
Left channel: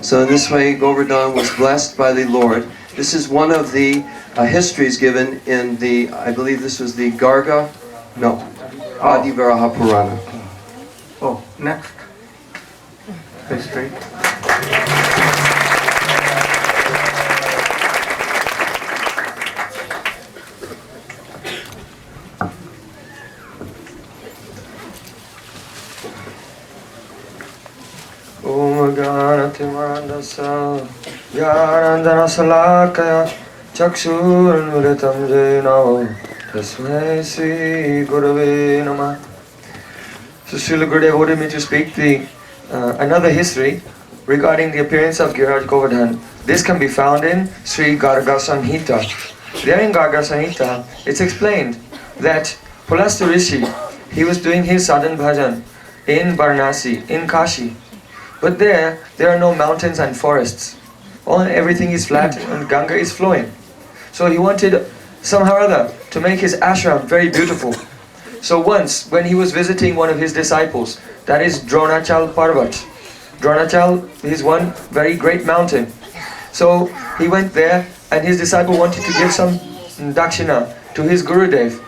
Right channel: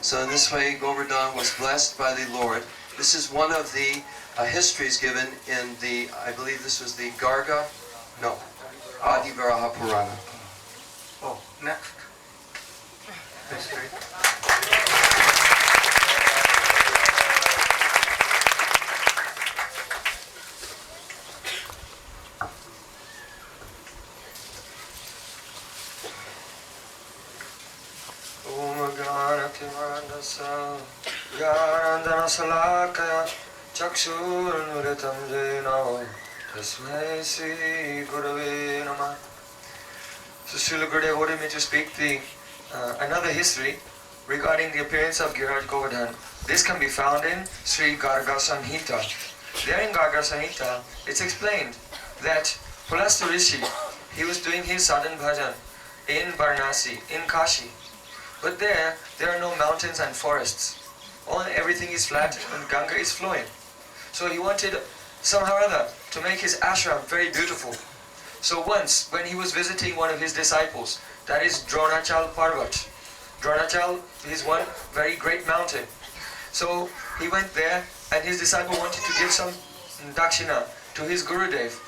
So in this way, Govardhan was blessed by the Lord. This is one of the histories given in the, I believe this was the Adivaraha Purana. Oh, next. History. Om Ganatimarandasa Yarandana Salakaya Chakshurmuritam Jainam Tasmai Sri Gurave Namah. So Srila Gurudev ordered me to speak another history regarding the appearance of Giriraj Govardhan. This can be found in Sri Garga Samhita. There in Garga Samhita, it's explained that Pulastya Rishi, he was doing his sadhan bhajan in Varanasi, in Kashi. But there are no mountains and forests. Everything is flat and Ganga is flowing. So he wanted somehow or other to make his ashram very beautiful. So once, when he was visiting one of his disciples, that is Dronachal Parvat. Dronachal is one very great mountain. So he went there and his disciple wanted to give some dakshina to his Gurudev.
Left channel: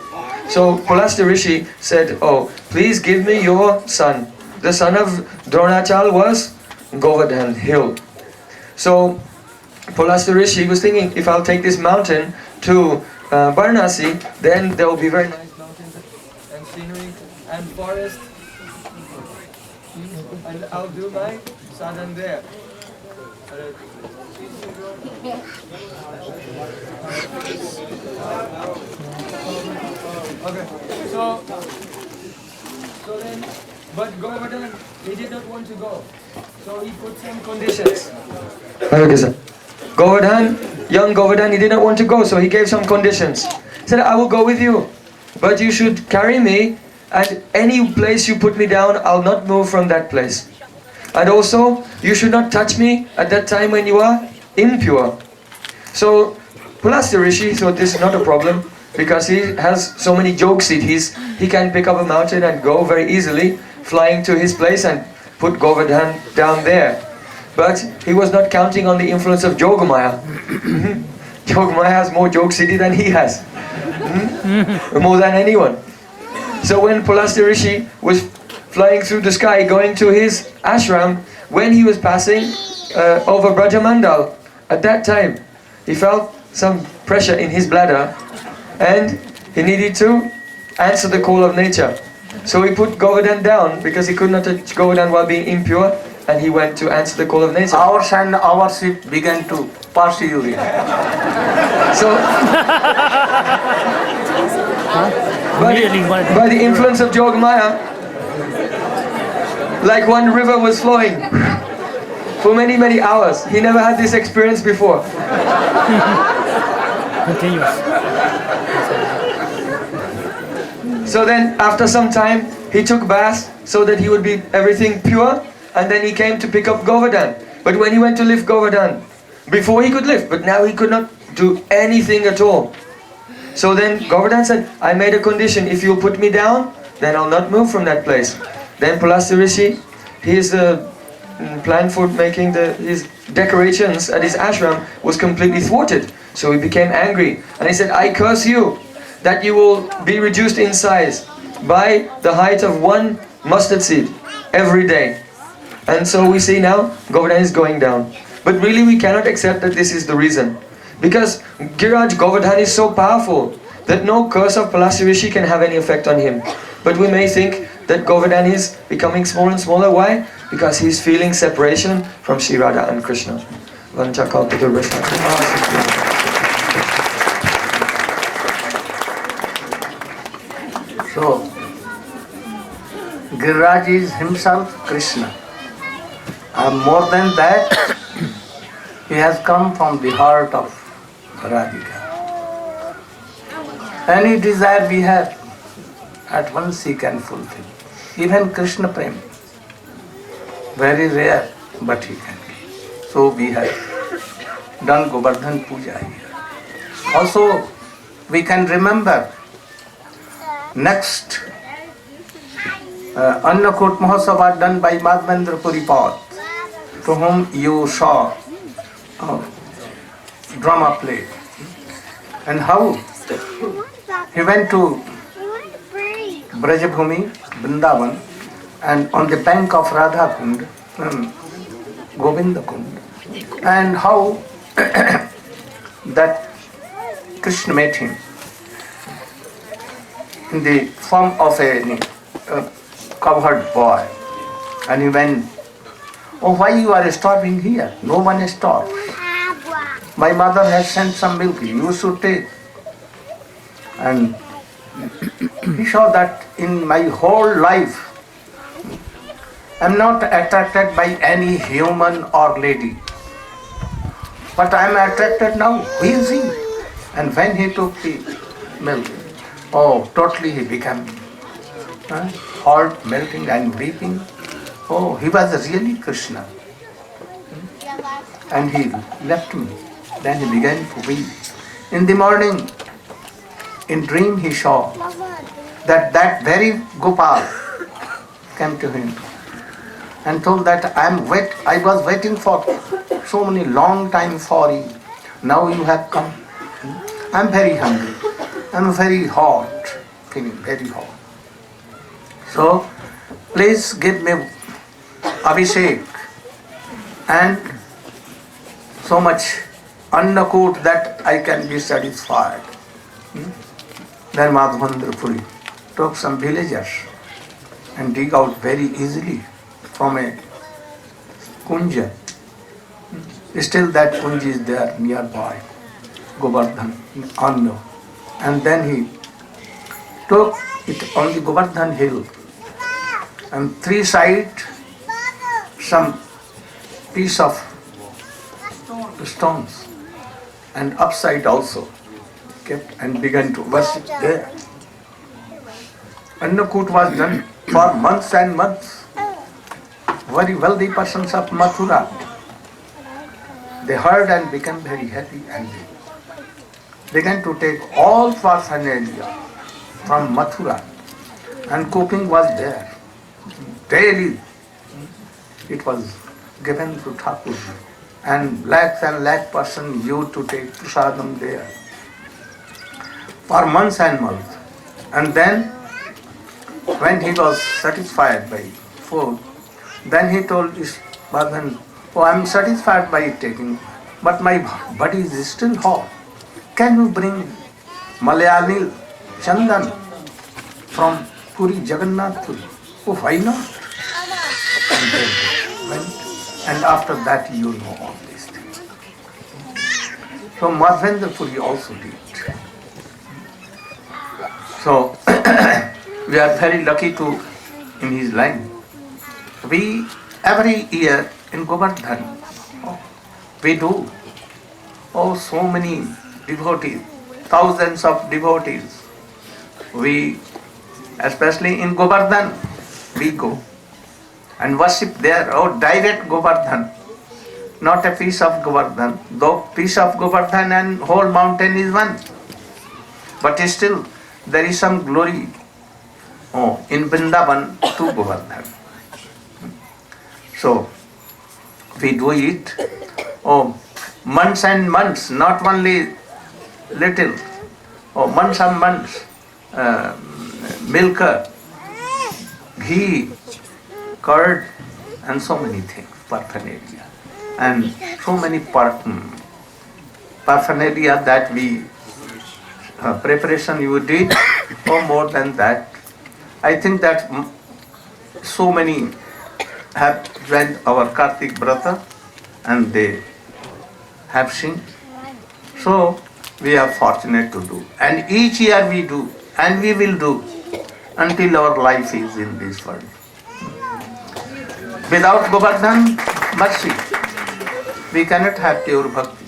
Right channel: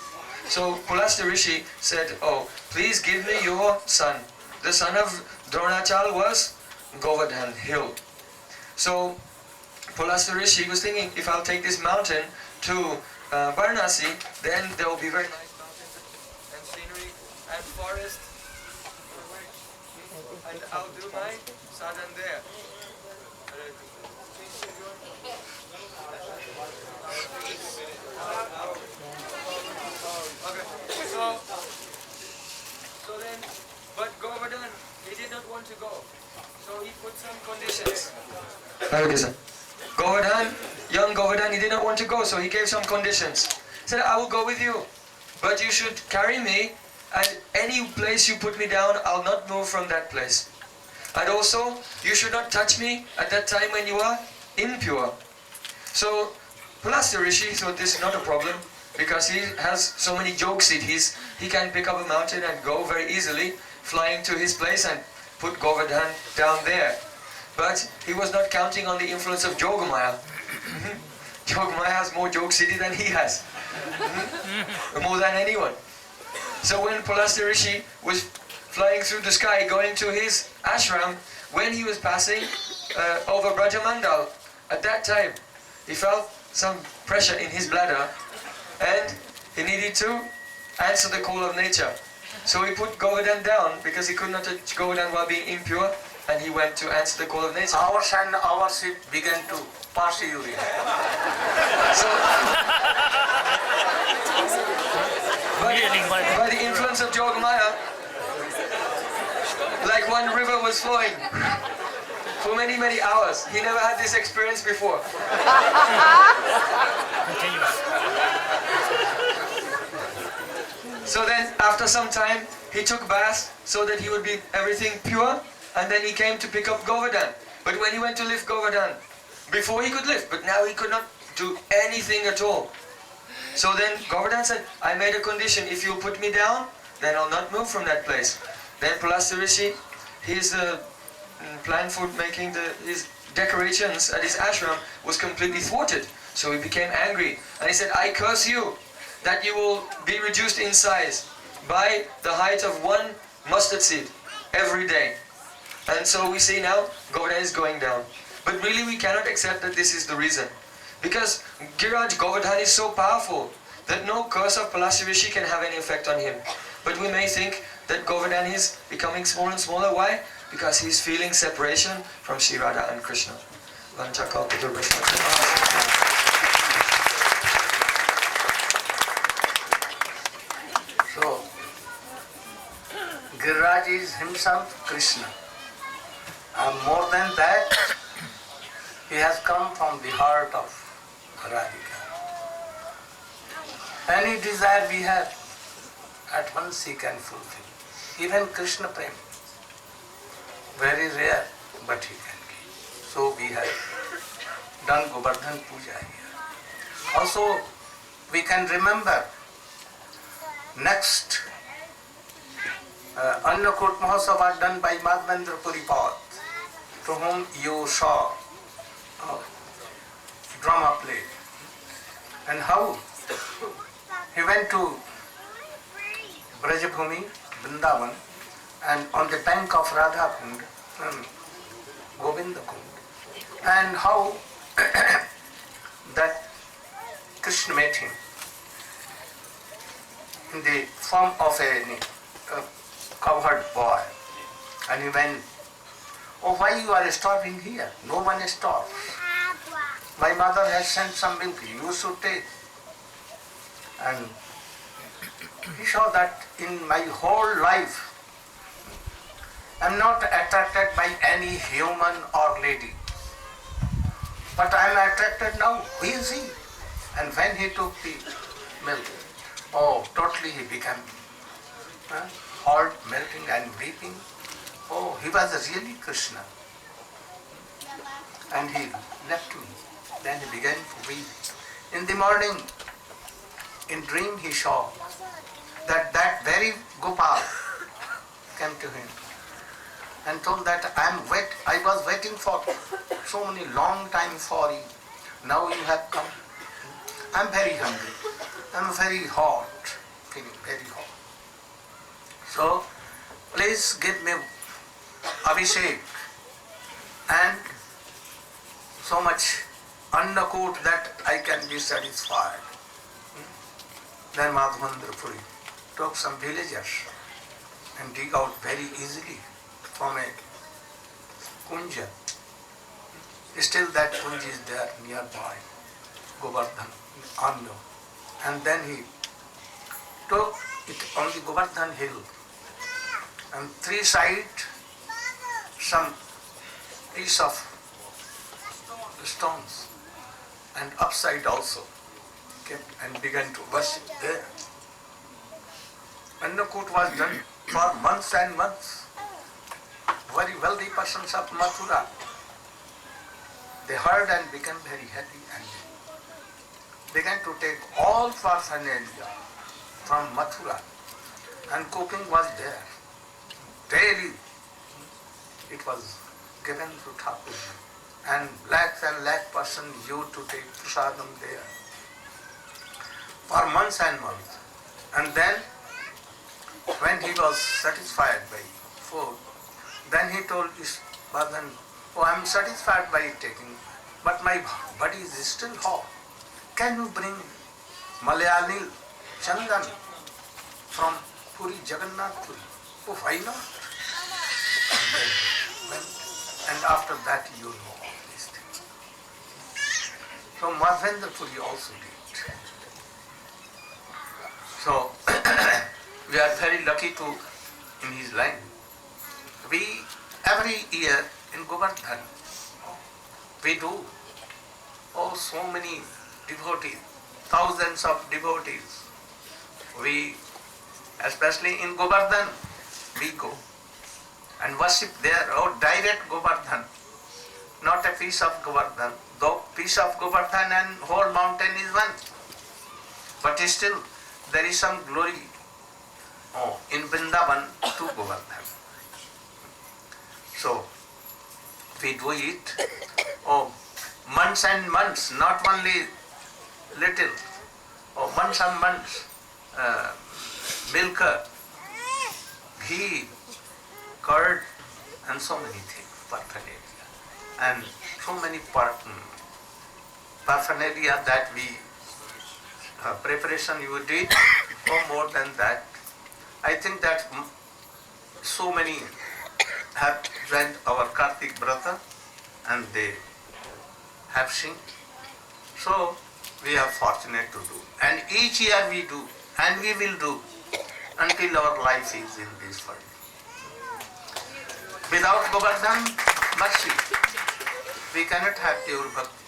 So Pulastya Rishi said, "Oh, please give me your son." The son of Dronachal was Govardhan hill. So Pulastya Rishi was thinking, if I'll take this mountain to Varanasi, then there will be very nice mountains and scenery and forest, and I'll do my sadhan there. Okay, so then, but Govardhan, he did not want to go. So he put some conditions. Okay, sir. Young Govardhan, he did not want to go, so he gave some conditions. He said, I will go with you, but you should carry me, and any place you put me down, I'll not move from that place. And also, you should not touch me at that time when you are impure. So, Pulastya Rishi thought this is not a problem, because he has so many jog siddhis, he can pick up a mountain and go very easily, flying to his place and put Govardhan down there. But he was not counting on the influence of Yogamaya. Yogamaya has more jog siddhi than he has. More than anyone. So when Pulastya Rishi was flying through the sky, going to his ashram, when he was passing over Brajamandal, at that time, he felt some pressure in his bladder, and he needed to answer the call of nature. So he put Govardhan down because he could not touch Govardhan while being impure, and he went to answer the call of nature. Ours and our seat began to pass urine. So, by the influence of Yogamaya, like one river was flowing for many, many hours. He never had this experience before. So then, after some time, he took bath so that he would be everything pure, and then he came to pick up Govardhan. But when he went to lift Govardhan, before he could lift, but now he could not do anything at all. So then Govardhan said, I made a condition, if you put me down, then I'll not move from that place. Then Pulastya Rishi, his plan for making his decorations at his ashram was completely thwarted. So he became angry, and he said, I curse you, that you will be reduced in size by the height of one mustard seed every day. And so we see now Govardhan is going down. But really we cannot accept that this is the reason. Because Giriraj Govardhan is so powerful that no curse of Pulastya Rishi can have any effect on him. But we may think that Govardhan is becoming smaller and smaller. Why? Because he's feeling separation from Sri Radha and Krishna. So, Giriraj is himself Krishna. And more than that, he has come from the heart of Radhika. Any desire we have, at once he can fulfill. Even Krishna Prem, very rare, but he can give. So we have done Govardhan Puja here. Also, we can remember next Annakut Mahotsav done by Madhavendra Puripad. to whom you saw drama play, and how he went to Brajabhumi, Vrindavan, and on the bank of Radha Kund, Govinda Kund, and how that Krishna met him in the form of a cowherd boy, and he went, "Oh, why you are starving here? No one starves. My mother has sent some milk, you should take." And he saw that in my whole life, I am not attracted by any human or lady, but I am attracted now. Who is he? And when he took the milk, oh, totally he became heart melting and weeping. Oh, he was really Krishna. And he left me. Then he began to weep. In the morning, in dream he saw that very Gopal came to him and told that I was waiting for so many long time for you. Now you have come. I am very hungry. I am very hot, feeling very hot. So please give me abhishek and so much annakut that I can be satisfied. Then Madhavendra Puri took some villagers and dig out very easily from a kunja. Still that kunja is there nearby, Govardhan, Anna. And then he took it on the Govardhan hill, and three sides some piece of stones, and upside also kept, and began to worship there. Annakut was done for months and months. Very wealthy persons of Mathura, they heard and became very happy, and they began to take all paraphernalia from Mathura, and cooking was there. Daily it was given to Thakurji, and lakh person used to take prasadam there for months and months. And then when he was satisfied by food, then he told his Bhagan, "Oh, I am satisfied by taking, but my body is still hot. Can you bring Malayali Chandan from Puri, Jagannath Puri?" "Oh, why not?" And they went, and after that you know all these things. So Madhavendra Puri also did. So we are very lucky to in his line. We every year in Govardhan, we do so many devotees, thousands of devotees. We, especially in Govardhan, we go and worship there, direct Govardhan, not a piece of Govardhan. Though piece of Govardhan and whole mountain is one, but still there is some glory in Vrindavan to Govardhan. So we do it months and months, not only little, months and months, milk, ghee, curd, and so many things, paraphernalia, and so many paraphernalia that we preparation you did, or more than that. I think that so many have joined our Kartik Brata and they have seen. So we are fortunate to do. And each year we do, and we will do until our life is in this world. Without Govardhan mercy, we cannot have pure bhakti.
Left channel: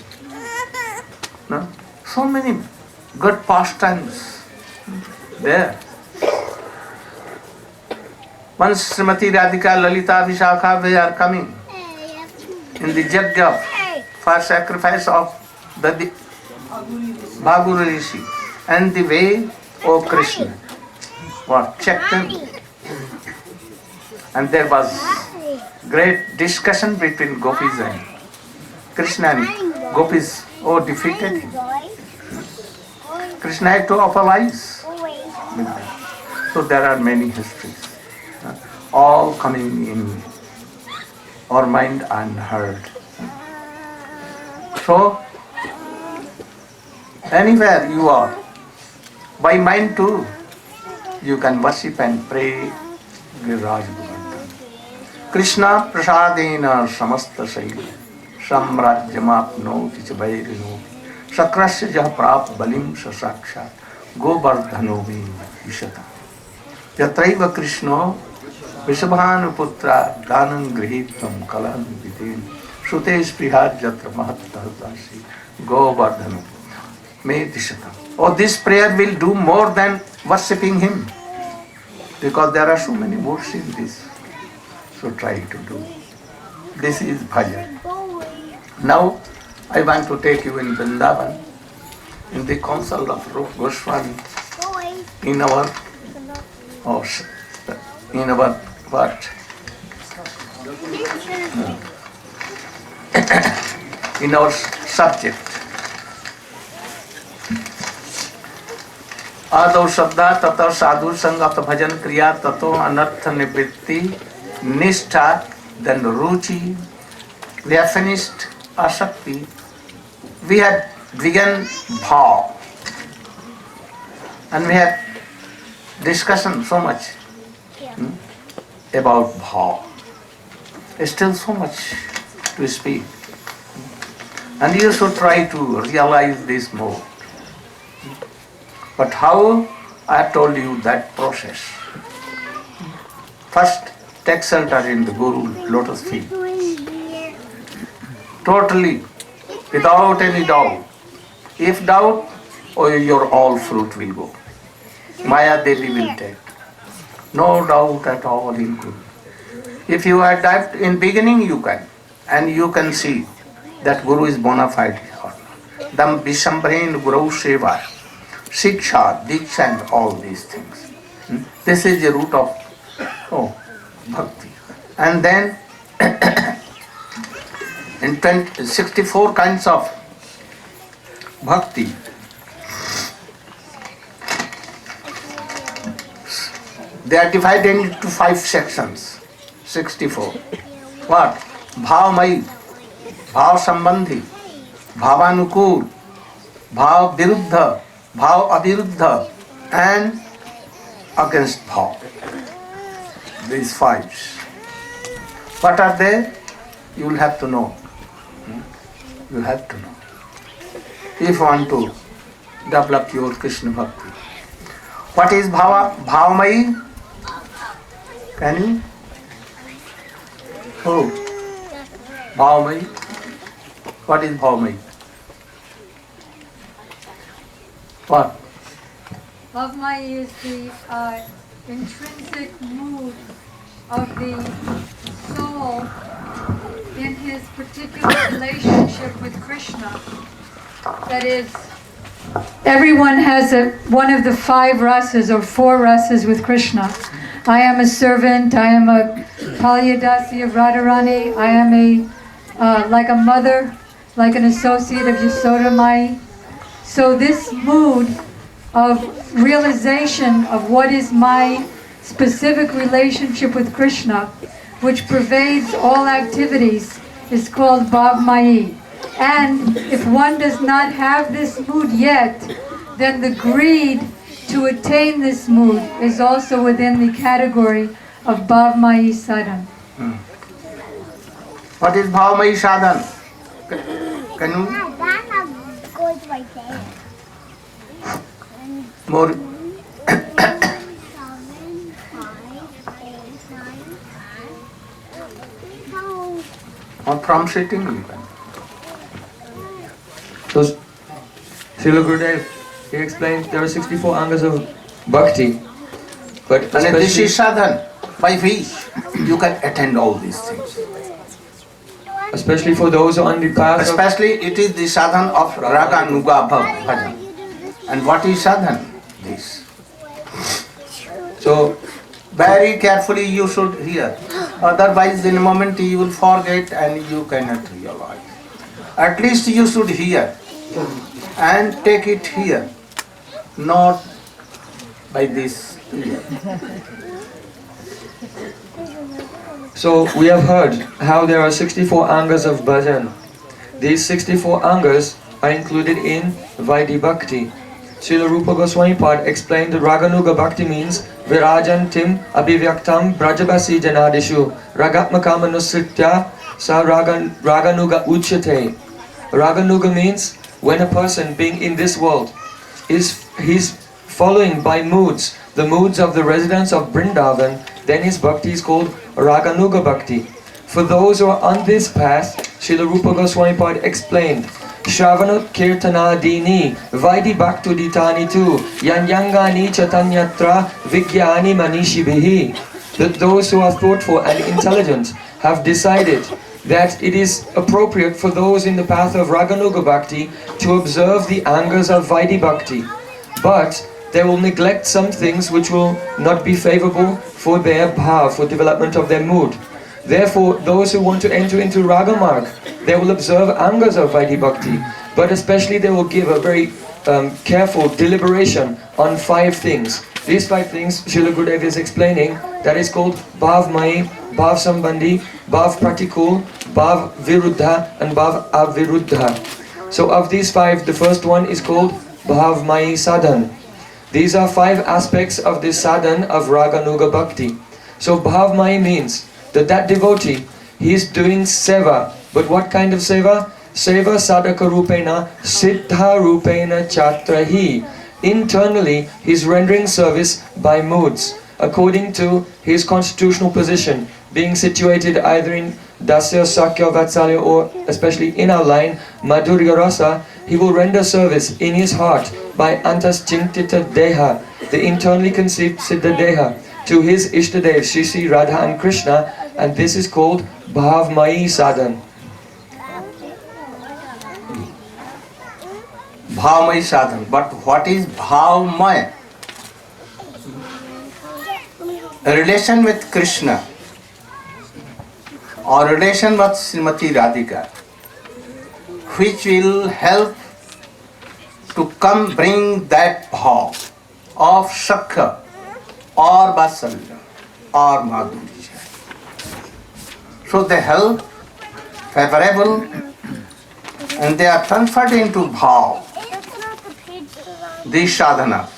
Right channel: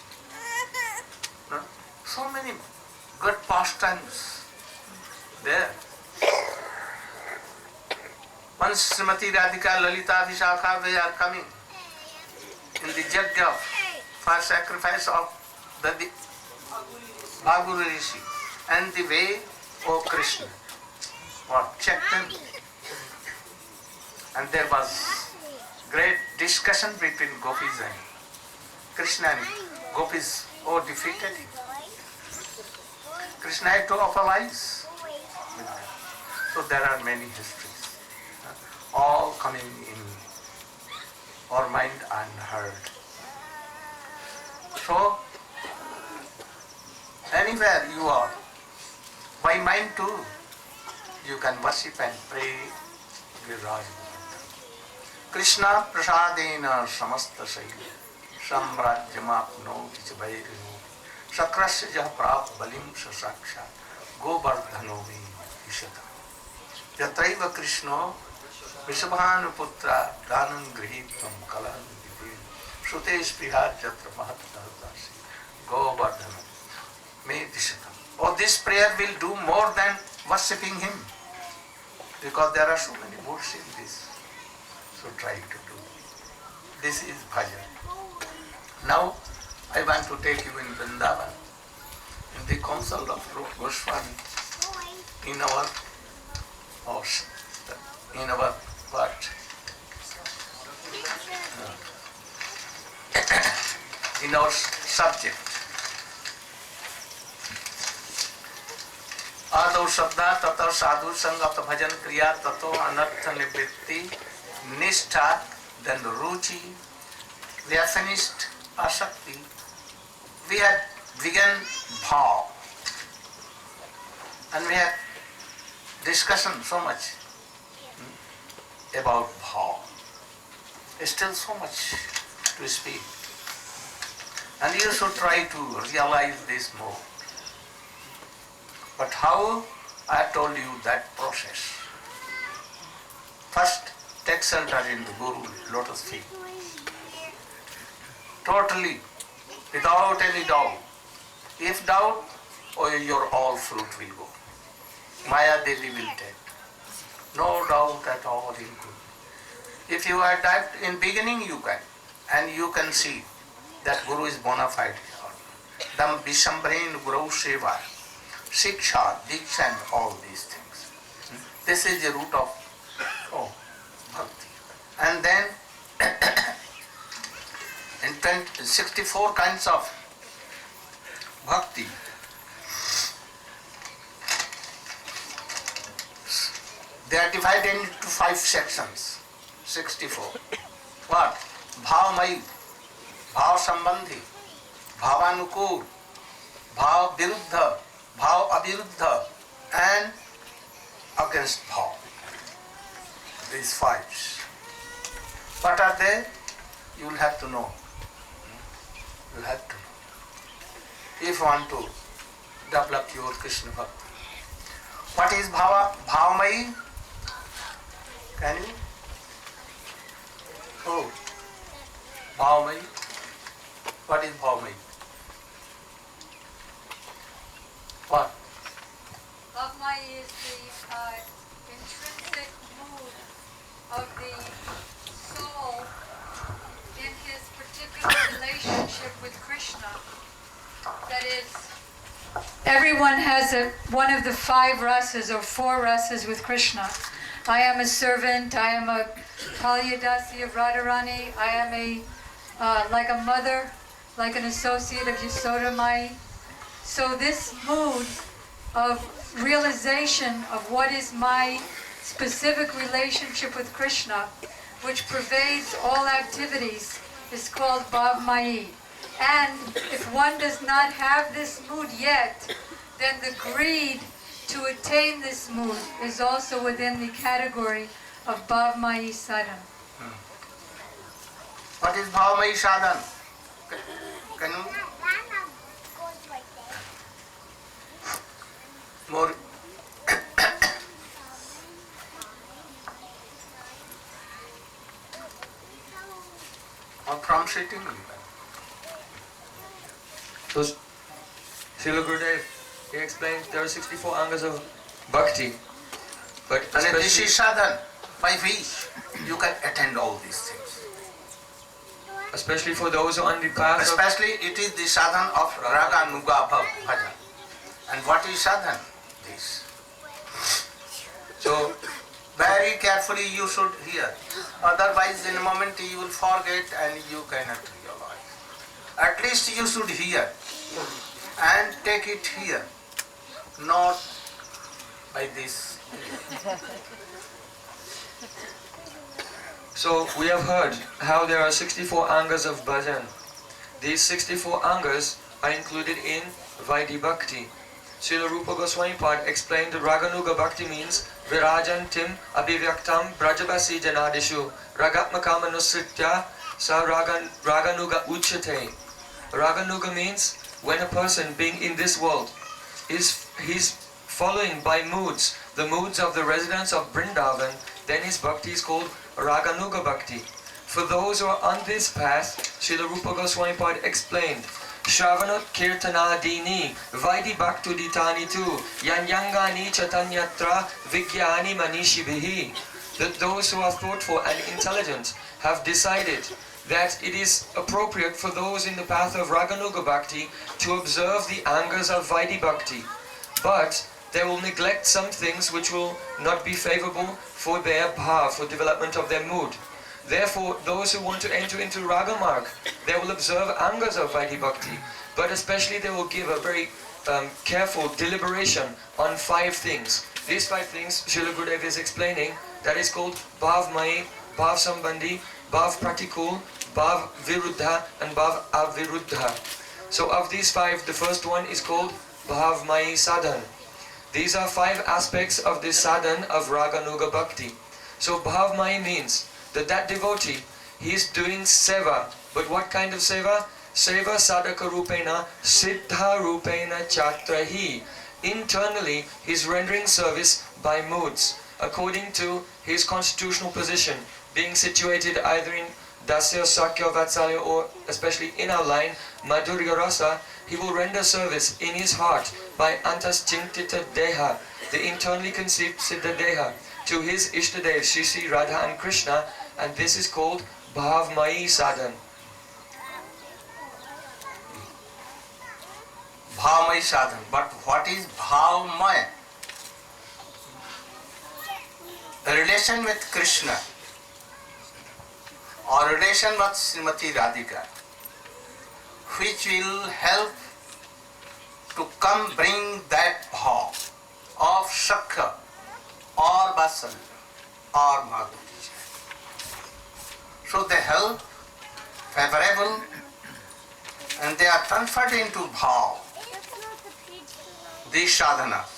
No? So many good pastimes there. Once Srimati Radhika, Lalita, Vishakha, they are coming in the Jagya for sacrifice of the Bhagu Rishi, and the way of Krishna was checked them. And there was great discussion between gopis and Krishna, and gopis defeated him. Krishna had to apologize. So there are many histories, all coming in our mind unheard. So anywhere you are, by mind too, you can worship and pray Giriraj Govardhan. Krishna prasadena samasta shaila samrajyamapnoti cha vairinoti sakrasya jah prap balim sa sakshat govardhano me ishata yatraiva Krishna vishabhanu putra ganam grihitvam kalan vidin sute sprihad jatra mahattahasi govardhano me ishata. Oh, this prayer will do more than worshipping him, because there are so many words in this. So try to do. This is bhajan. Now I want to take you in Vrindavan, in the council of Rupa Goswami, in our what? In our subject. आदौ शब्दा ततो साधु संगत भजन क्रिया ततो अनर्थ निवृत्ति निष्ठा, then ruchi. We have finished asakti. We have begun bhav, and we have discussion so much about bhav. Still so much to speak, and you should try to realize this more. But how? I have told you that process. First, take shelter in the Guru lotus feet. Totally, without any doubt. If doubt, your all fruit will go. Maya Devi will take. No doubt at all in Guru. If you had doubt in beginning, you can. And you can see that Guru is bona fide or not. Dam Vishambhain Guru Seva. Shiksha, Diksha and all these things. This is the root of bhakti. And then in 64 kinds of bhakti, they are divided into 5 sections. 64. What? Bhavamai, Bhav Sambandhi, Bhavanukul, Bhav Viruddha, Bhav Aviruddha, and against Bhav. These 5. What are they? You will have to know. You will have to know. If you want to develop your Krishna Bhakti. What is Bhavamai? Can you? Oh, Bhavamai. What is Bhavamai? What? Bhavamai is the intrinsic mood of the soul in his particular relationship with Krishna. That is, everyone has one of the 5 rasas or 4 rasas with Krishna. I am a servant, I am a Palyadasi of Radharani, I am like a mother, like an associate of Yasodamai. So this mood of realization of what is my specific relationship with Krishna, which pervades all activities, is called Bhavamai. And if one does not have this mood yet, then the greed to attain this mood is also within the category of Bhavamai sadhan. What is Bhavamai sadhan? Can you? More. Or from sitting you can. So, Srila Gurudev, he explained there are 64 angas of bhakti, but and this is sadhan, by which you can attend all these things. Especially for those on the path Especially it is the sadhan of raga nuga bhajan. And what is sadhan? This. So, very carefully you should hear. Otherwise, in a moment you will forget and you cannot realize. At least you should hear and take it here, not by this ear. So we have heard how there are 64 angas of bhajan. These 64 angas are included in Vaidhi Bhakti. Srila Rupa Goswami Pad explained that Raganuga Bhakti means Virajantim Abhivyaktam Brajabasi Janadishu Ragatmakam Anusritya Sa Raganuga Uchate. Raganuga means when a person being in this world he's following by moods, the moods of the residents of Vrindavan, then his bhakti is called Raganuga Bhakti. For those who are on this path, Srila Rupa Goswami Pad explained, Shravanut Kirtanadini Vaidhi Bhaktuditani tu Yanyangani Chatanyatra Vigyani Manishibihi. That those who are thoughtful and intelligent have decided that it is appropriate for those in the path of Raganuga Bhakti to observe the angas of Vaidhi Bhakti. But they will neglect some things which will not be favorable for their bhav, for development of their mood. Therefore, those who want to enter into Ragamarg, they will observe angas of Vaidhi Bhakti, but especially they will give a very careful deliberation on 5 things. These 5 things, Srila Gurudev is explaining, that is called Bhav Mai, Bhav Sambandhi, Bhav Pratikul, Bhav Viruddha and Bhav Aviruddha. So of these 5, the first one is called Bhav Mai Sadhan. These are 5 aspects of this sadhan of Raganuga Bhakti. So Bhav Mai means that devotee, he is doing seva. But what kind of seva? Seva sadhaka rupena siddha rupena chatrahi. Internally, he is rendering service by moods, according to his constitutional position, being situated either in Dasya, Sakya, Vatsalya, or especially in our line, Madhurya Rasa. He will render service in his heart by Antas Chinktita Deha, the internally conceived Siddha Deha, to his Ishtadev, Shri Sri Radha and Krishna, and this is called Bhavmayi Sadhan. Bhavmayi sadhan. But what is Bhavmaya? A relation with Krishna or relation with Srimati Radhika, which will help to come bring that bhav of Shakha or Vasalya or Madhurya. So they help favorable and they are transferred into bhav, these sadhanas.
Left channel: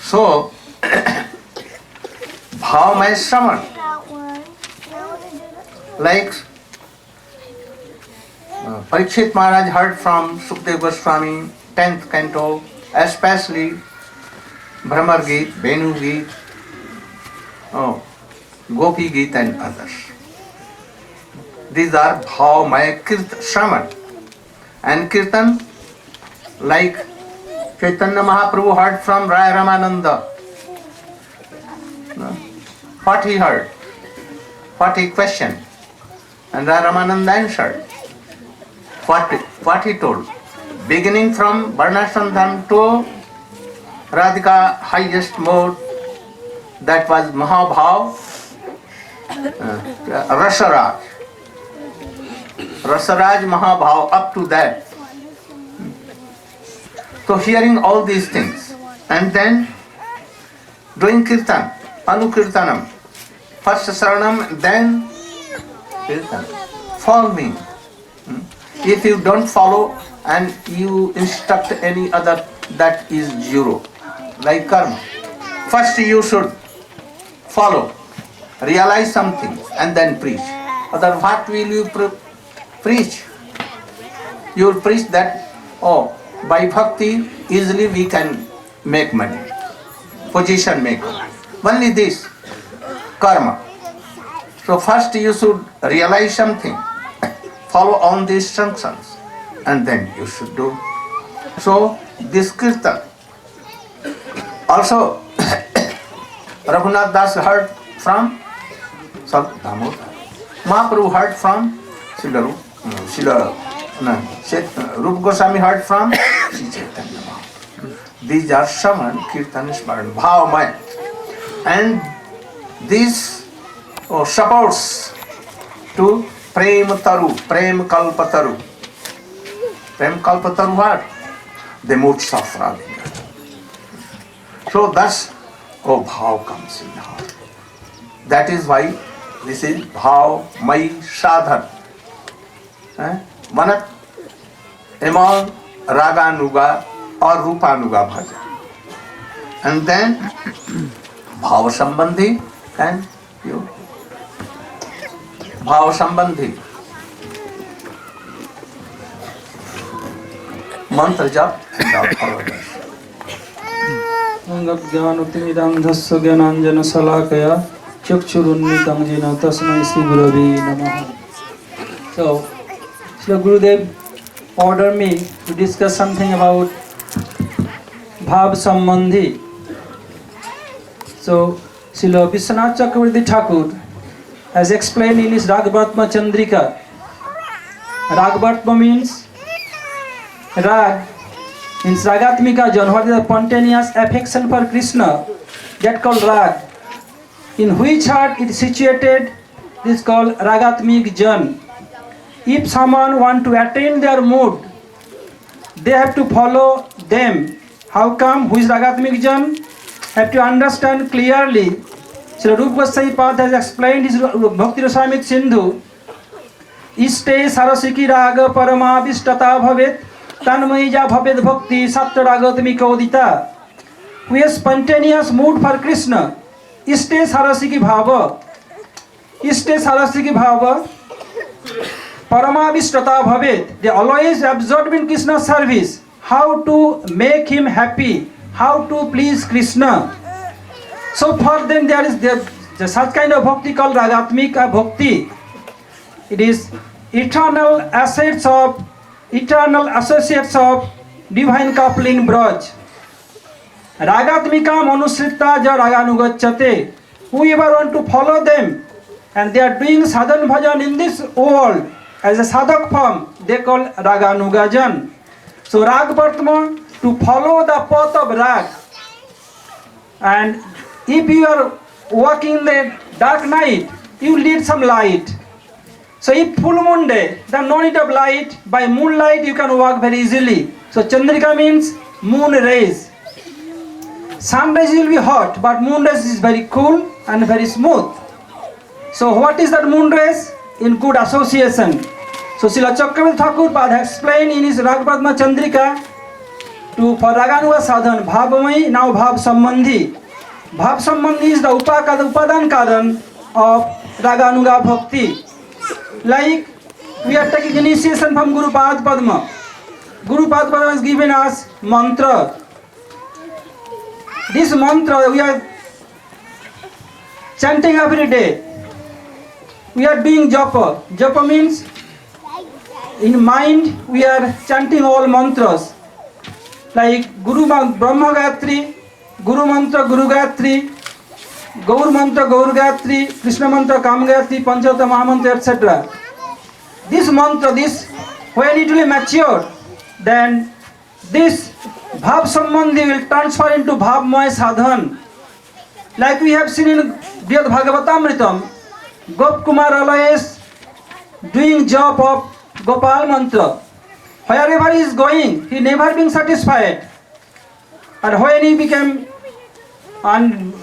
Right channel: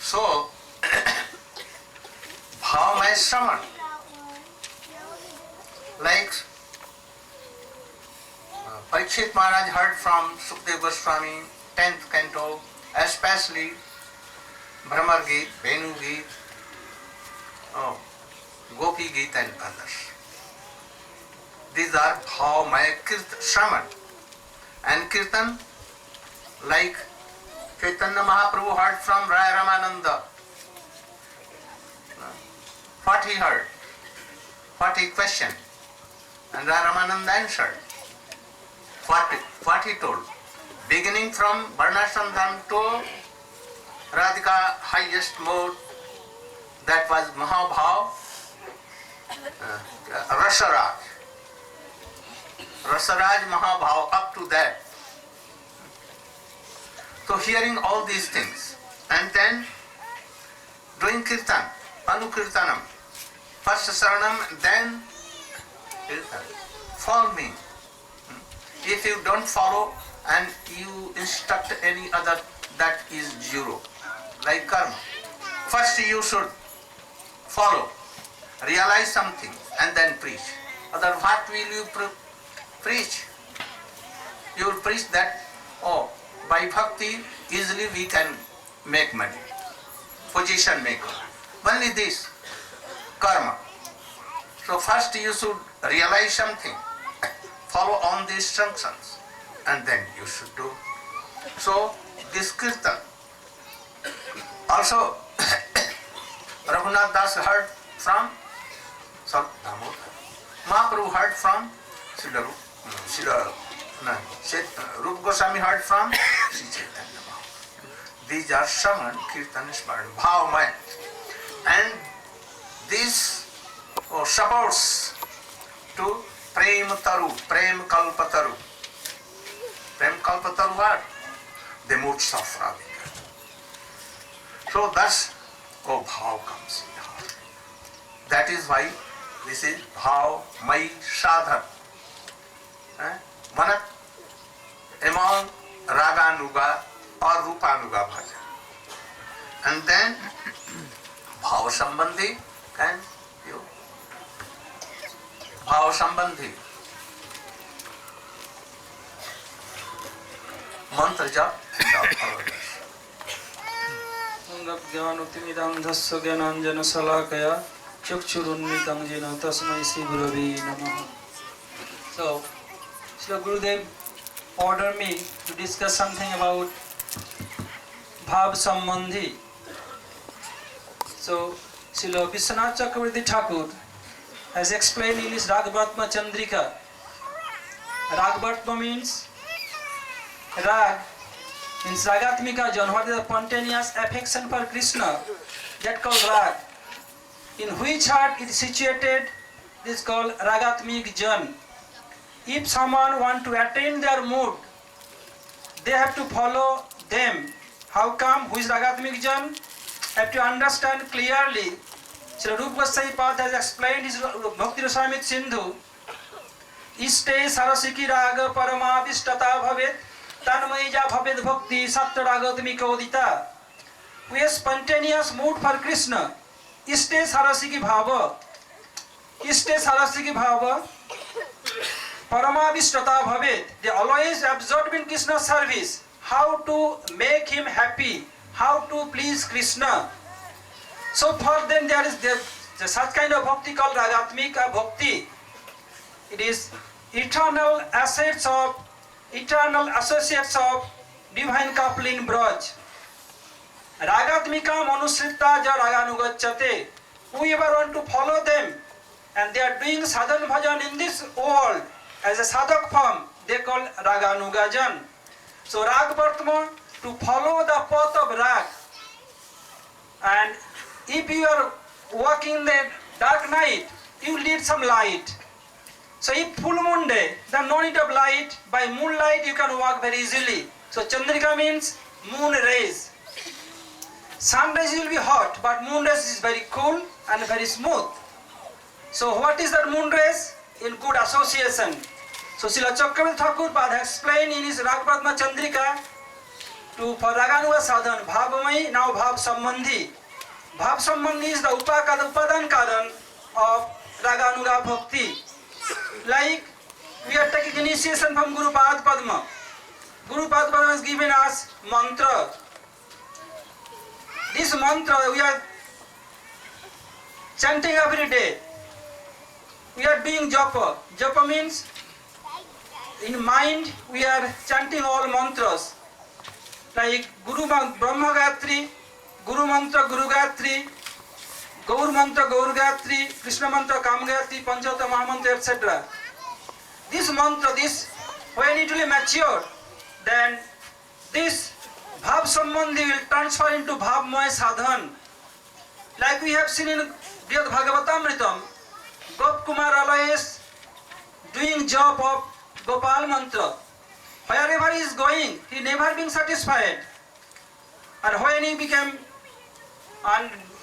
So, bhavmaya shravan, like Parikshit Maharaj heard from Sukdev Goswami, 10th canto, especially Brahmar Geet, Venu Geet, Gopi Geet and others. These are Bhavmaya Shravan. And Kirtan, like Chaitanya Mahaprabhu heard from Raya Ramananda. What he heard, what he questioned, and Raya Ramananda answered. What he told, beginning from Varnashrama to Radhika highest mode, that was Mahabhav, Rasaraj. Rasaraj Mahabhav, up to that. So hearing all these things, and then doing kirtan, anukirtanam, first saranam, then kirtan. Follow me. If you don't follow and you instruct any other, that is zero. Like karma. First you should follow, realize something and then preach. Other what will you preach? You will preach that, by bhakti easily we can make money, position maker. Only this, karma. So first you should realize something, follow on the instructions, and then you should do. So this kirtan. Also, Raghunath Das heard from Mahaprabhu heard from Rupa Goswami heard from Sri Chaitanya Mahaprabhu. These are Shravan, Kirtan, Smaran, Bhavmaya. And this supports to Prem Taru, Prem Kalpataru. Prem Kalpataru what? The moods of Radhika. So thus, bhav comes in the heart. That is why this is bhav mai sadhan. Manat among raganuga or rupanuga bhajan. And then bhav sambandhi and you. Bhav sambandhi. Mantra jap and our others. ज्ञानोत्तिमिदं धस्य ज्ञानाञ्जनशलाकया चक्षुरुन्मिलितं येन तस्मै श्रीगुरवे नमः. So, Srila Gurudev ordered me to discuss something about Bhav Sambandhi. So, Srila Vishwanath Chakravarti Thakur has explained in his Ragvartma Chandrika. Ragvartma means Rag. Means Ragatmika Jan, what is the spontaneous affection for Krishna, that called Rag. In which heart it is situated, this is called Ragatmik Jan. If someone want to attain their mood, they have to follow them. How come? Who is Ragatmik Jan? Have to understand clearly. Srila Rupa Goswami Pad has explained his Bhakti Rasamrita Sindhu. Iste sarasiki raga paramabhishtata bhavet tanmaija bhavet bhakti sattva ragatmika udita. We have spontaneous mood for Krishna. Iste sarasiki bhava. Iste sarasiki bhava. Paramabhishtata bhavet. They always absorbed in Krishna's service. How to make him happy. How to please Krishna. So for them there is such kind of bhakti called Ragatmika bhakti. It is eternal assets of, eternal associates of divine couple in Braj. Ragatmika manusritta ja raganugacchate. Whoever want to follow them and they are doing sadhan bhajan in this world as a sadhak form, they call Raganugajan. So Ragvartma, to follow the path of Rag. And if you are walking in the dark night, you need some light. So if full moon day, then no need of light. By moonlight you can walk very easily. So Chandrika means moon rays. Sun rays will be hot, but moon rays is very cool and very smooth. So what is that moon rays? In good association. So Srila Chakravarti Thakur Pad has explained in his Ragvartma Chandrika for Raganuga sadhan, Bhavamai, now Bhav Sambandhi. Bhav Sambandhi is the upadan karan of Raganuga Bhakti. Like we are taking initiation from Guru Pad Padma. Guru Pad Padma has given us mantra. This mantra we are chanting every day. We are doing japa. Japa means in mind we are chanting all mantras. Like Guru Brahma Gayatri, Guru Mantra Guru Gayatri, Gaur Mantra Gaur Gayatri, Krishna Mantra Kam Gayatri, Panchata Mahamantra, etc. This mantra, when it will mature, then this Bhav Sambandhi will transfer into Bhavmaya Sadhan. Like we have seen in Brihad Bhagavatamritam, Gop Kumar always doing job of Gopal Mantra. Wherever he is going, he never been satisfied. And when he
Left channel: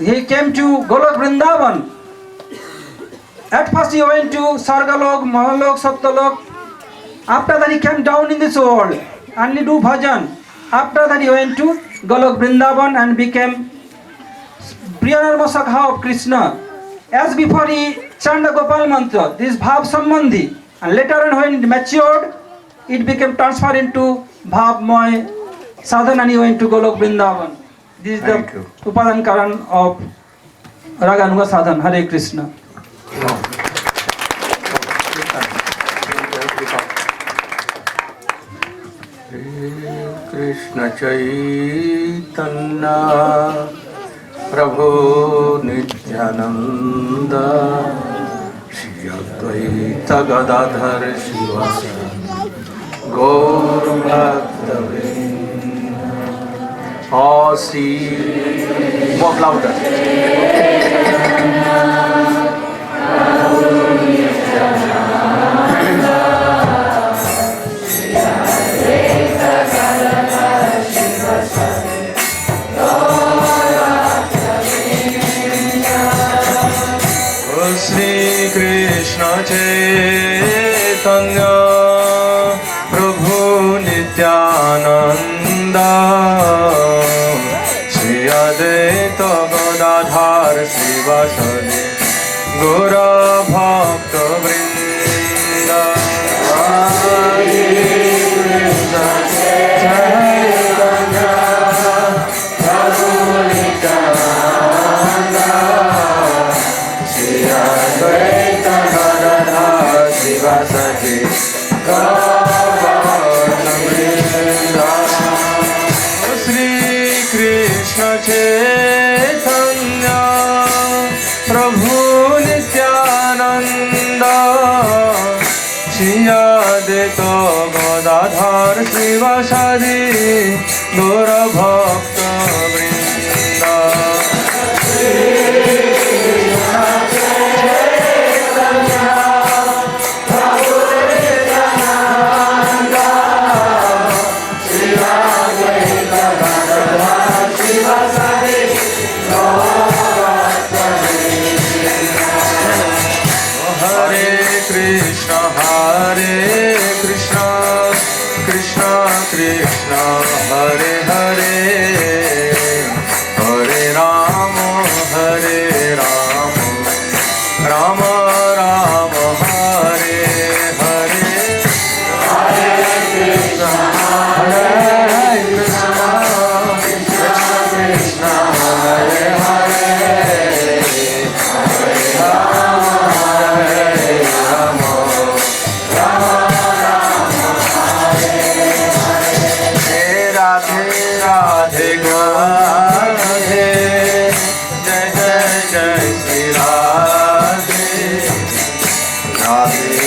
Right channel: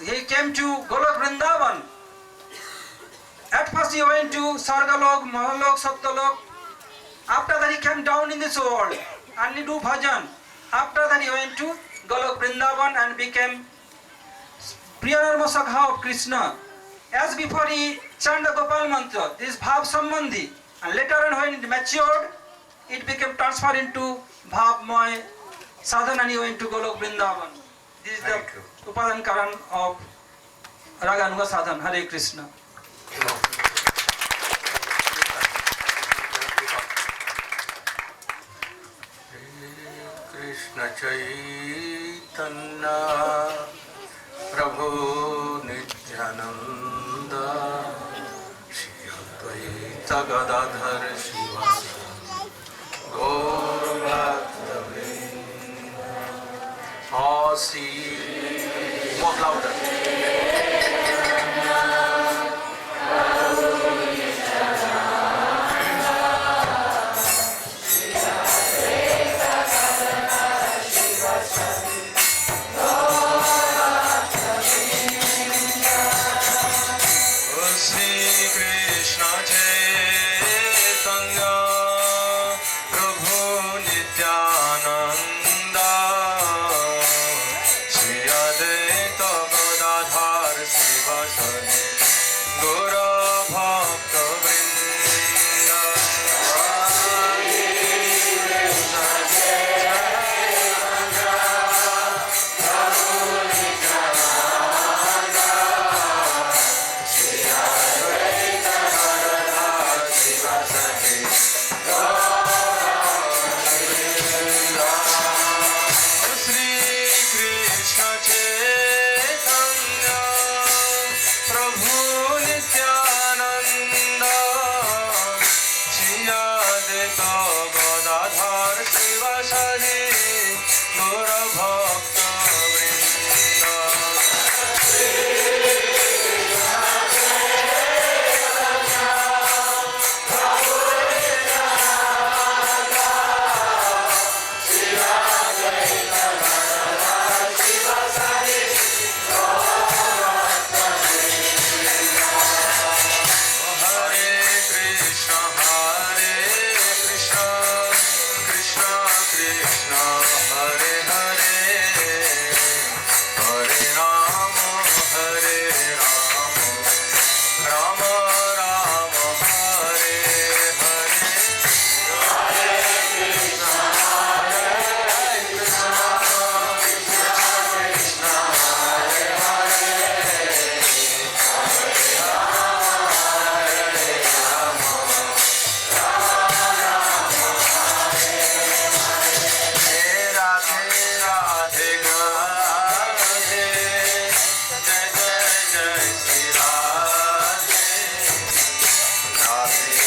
he came to Golok Vrindavan, at first he went to Sargalok, Mahalok, Satyalok. After that he came down in this world and he do bhajan. After that he went to Golok Vrindavan and became Priyanarma Sakha of Krishna. As before he chanted the Gopal Mantra, this Bhav Sambandhi. And later on when it matured, it became transferred into Bhavmaya Sadhan and he went to Golok Vrindavan. This is the Upadan Karan of Raganuga Sadhan. Hare Krishna. Krishna Chaitanya Prabhu Nityananda Shri Advaita Gadadhar Shivasana Gaur Bhakta Vrinda. Oh, see, more louder. चैतन्य प्रभु नित्यानंद श्री अद्वैत गदाधर श्रीवासदि गौर भक्त वृंद श्री कृष्ण चैतन्य प्रभु नित्यानंद श्री अद्वैत गदाधर श्रीवासदि गौर भक्त वृंद Hare Krishna, Krishna Krishna, Hare Hare, Hare Rama, Hare Rama, Rama Rama, Hare Hare, Hare Krishna, Hare Krishna, Krishna Krishna, Hare Hare, Hare Rama, Hare Rama. Radhe Radhe, Jai Jai Jai Shri Radhe, Radhe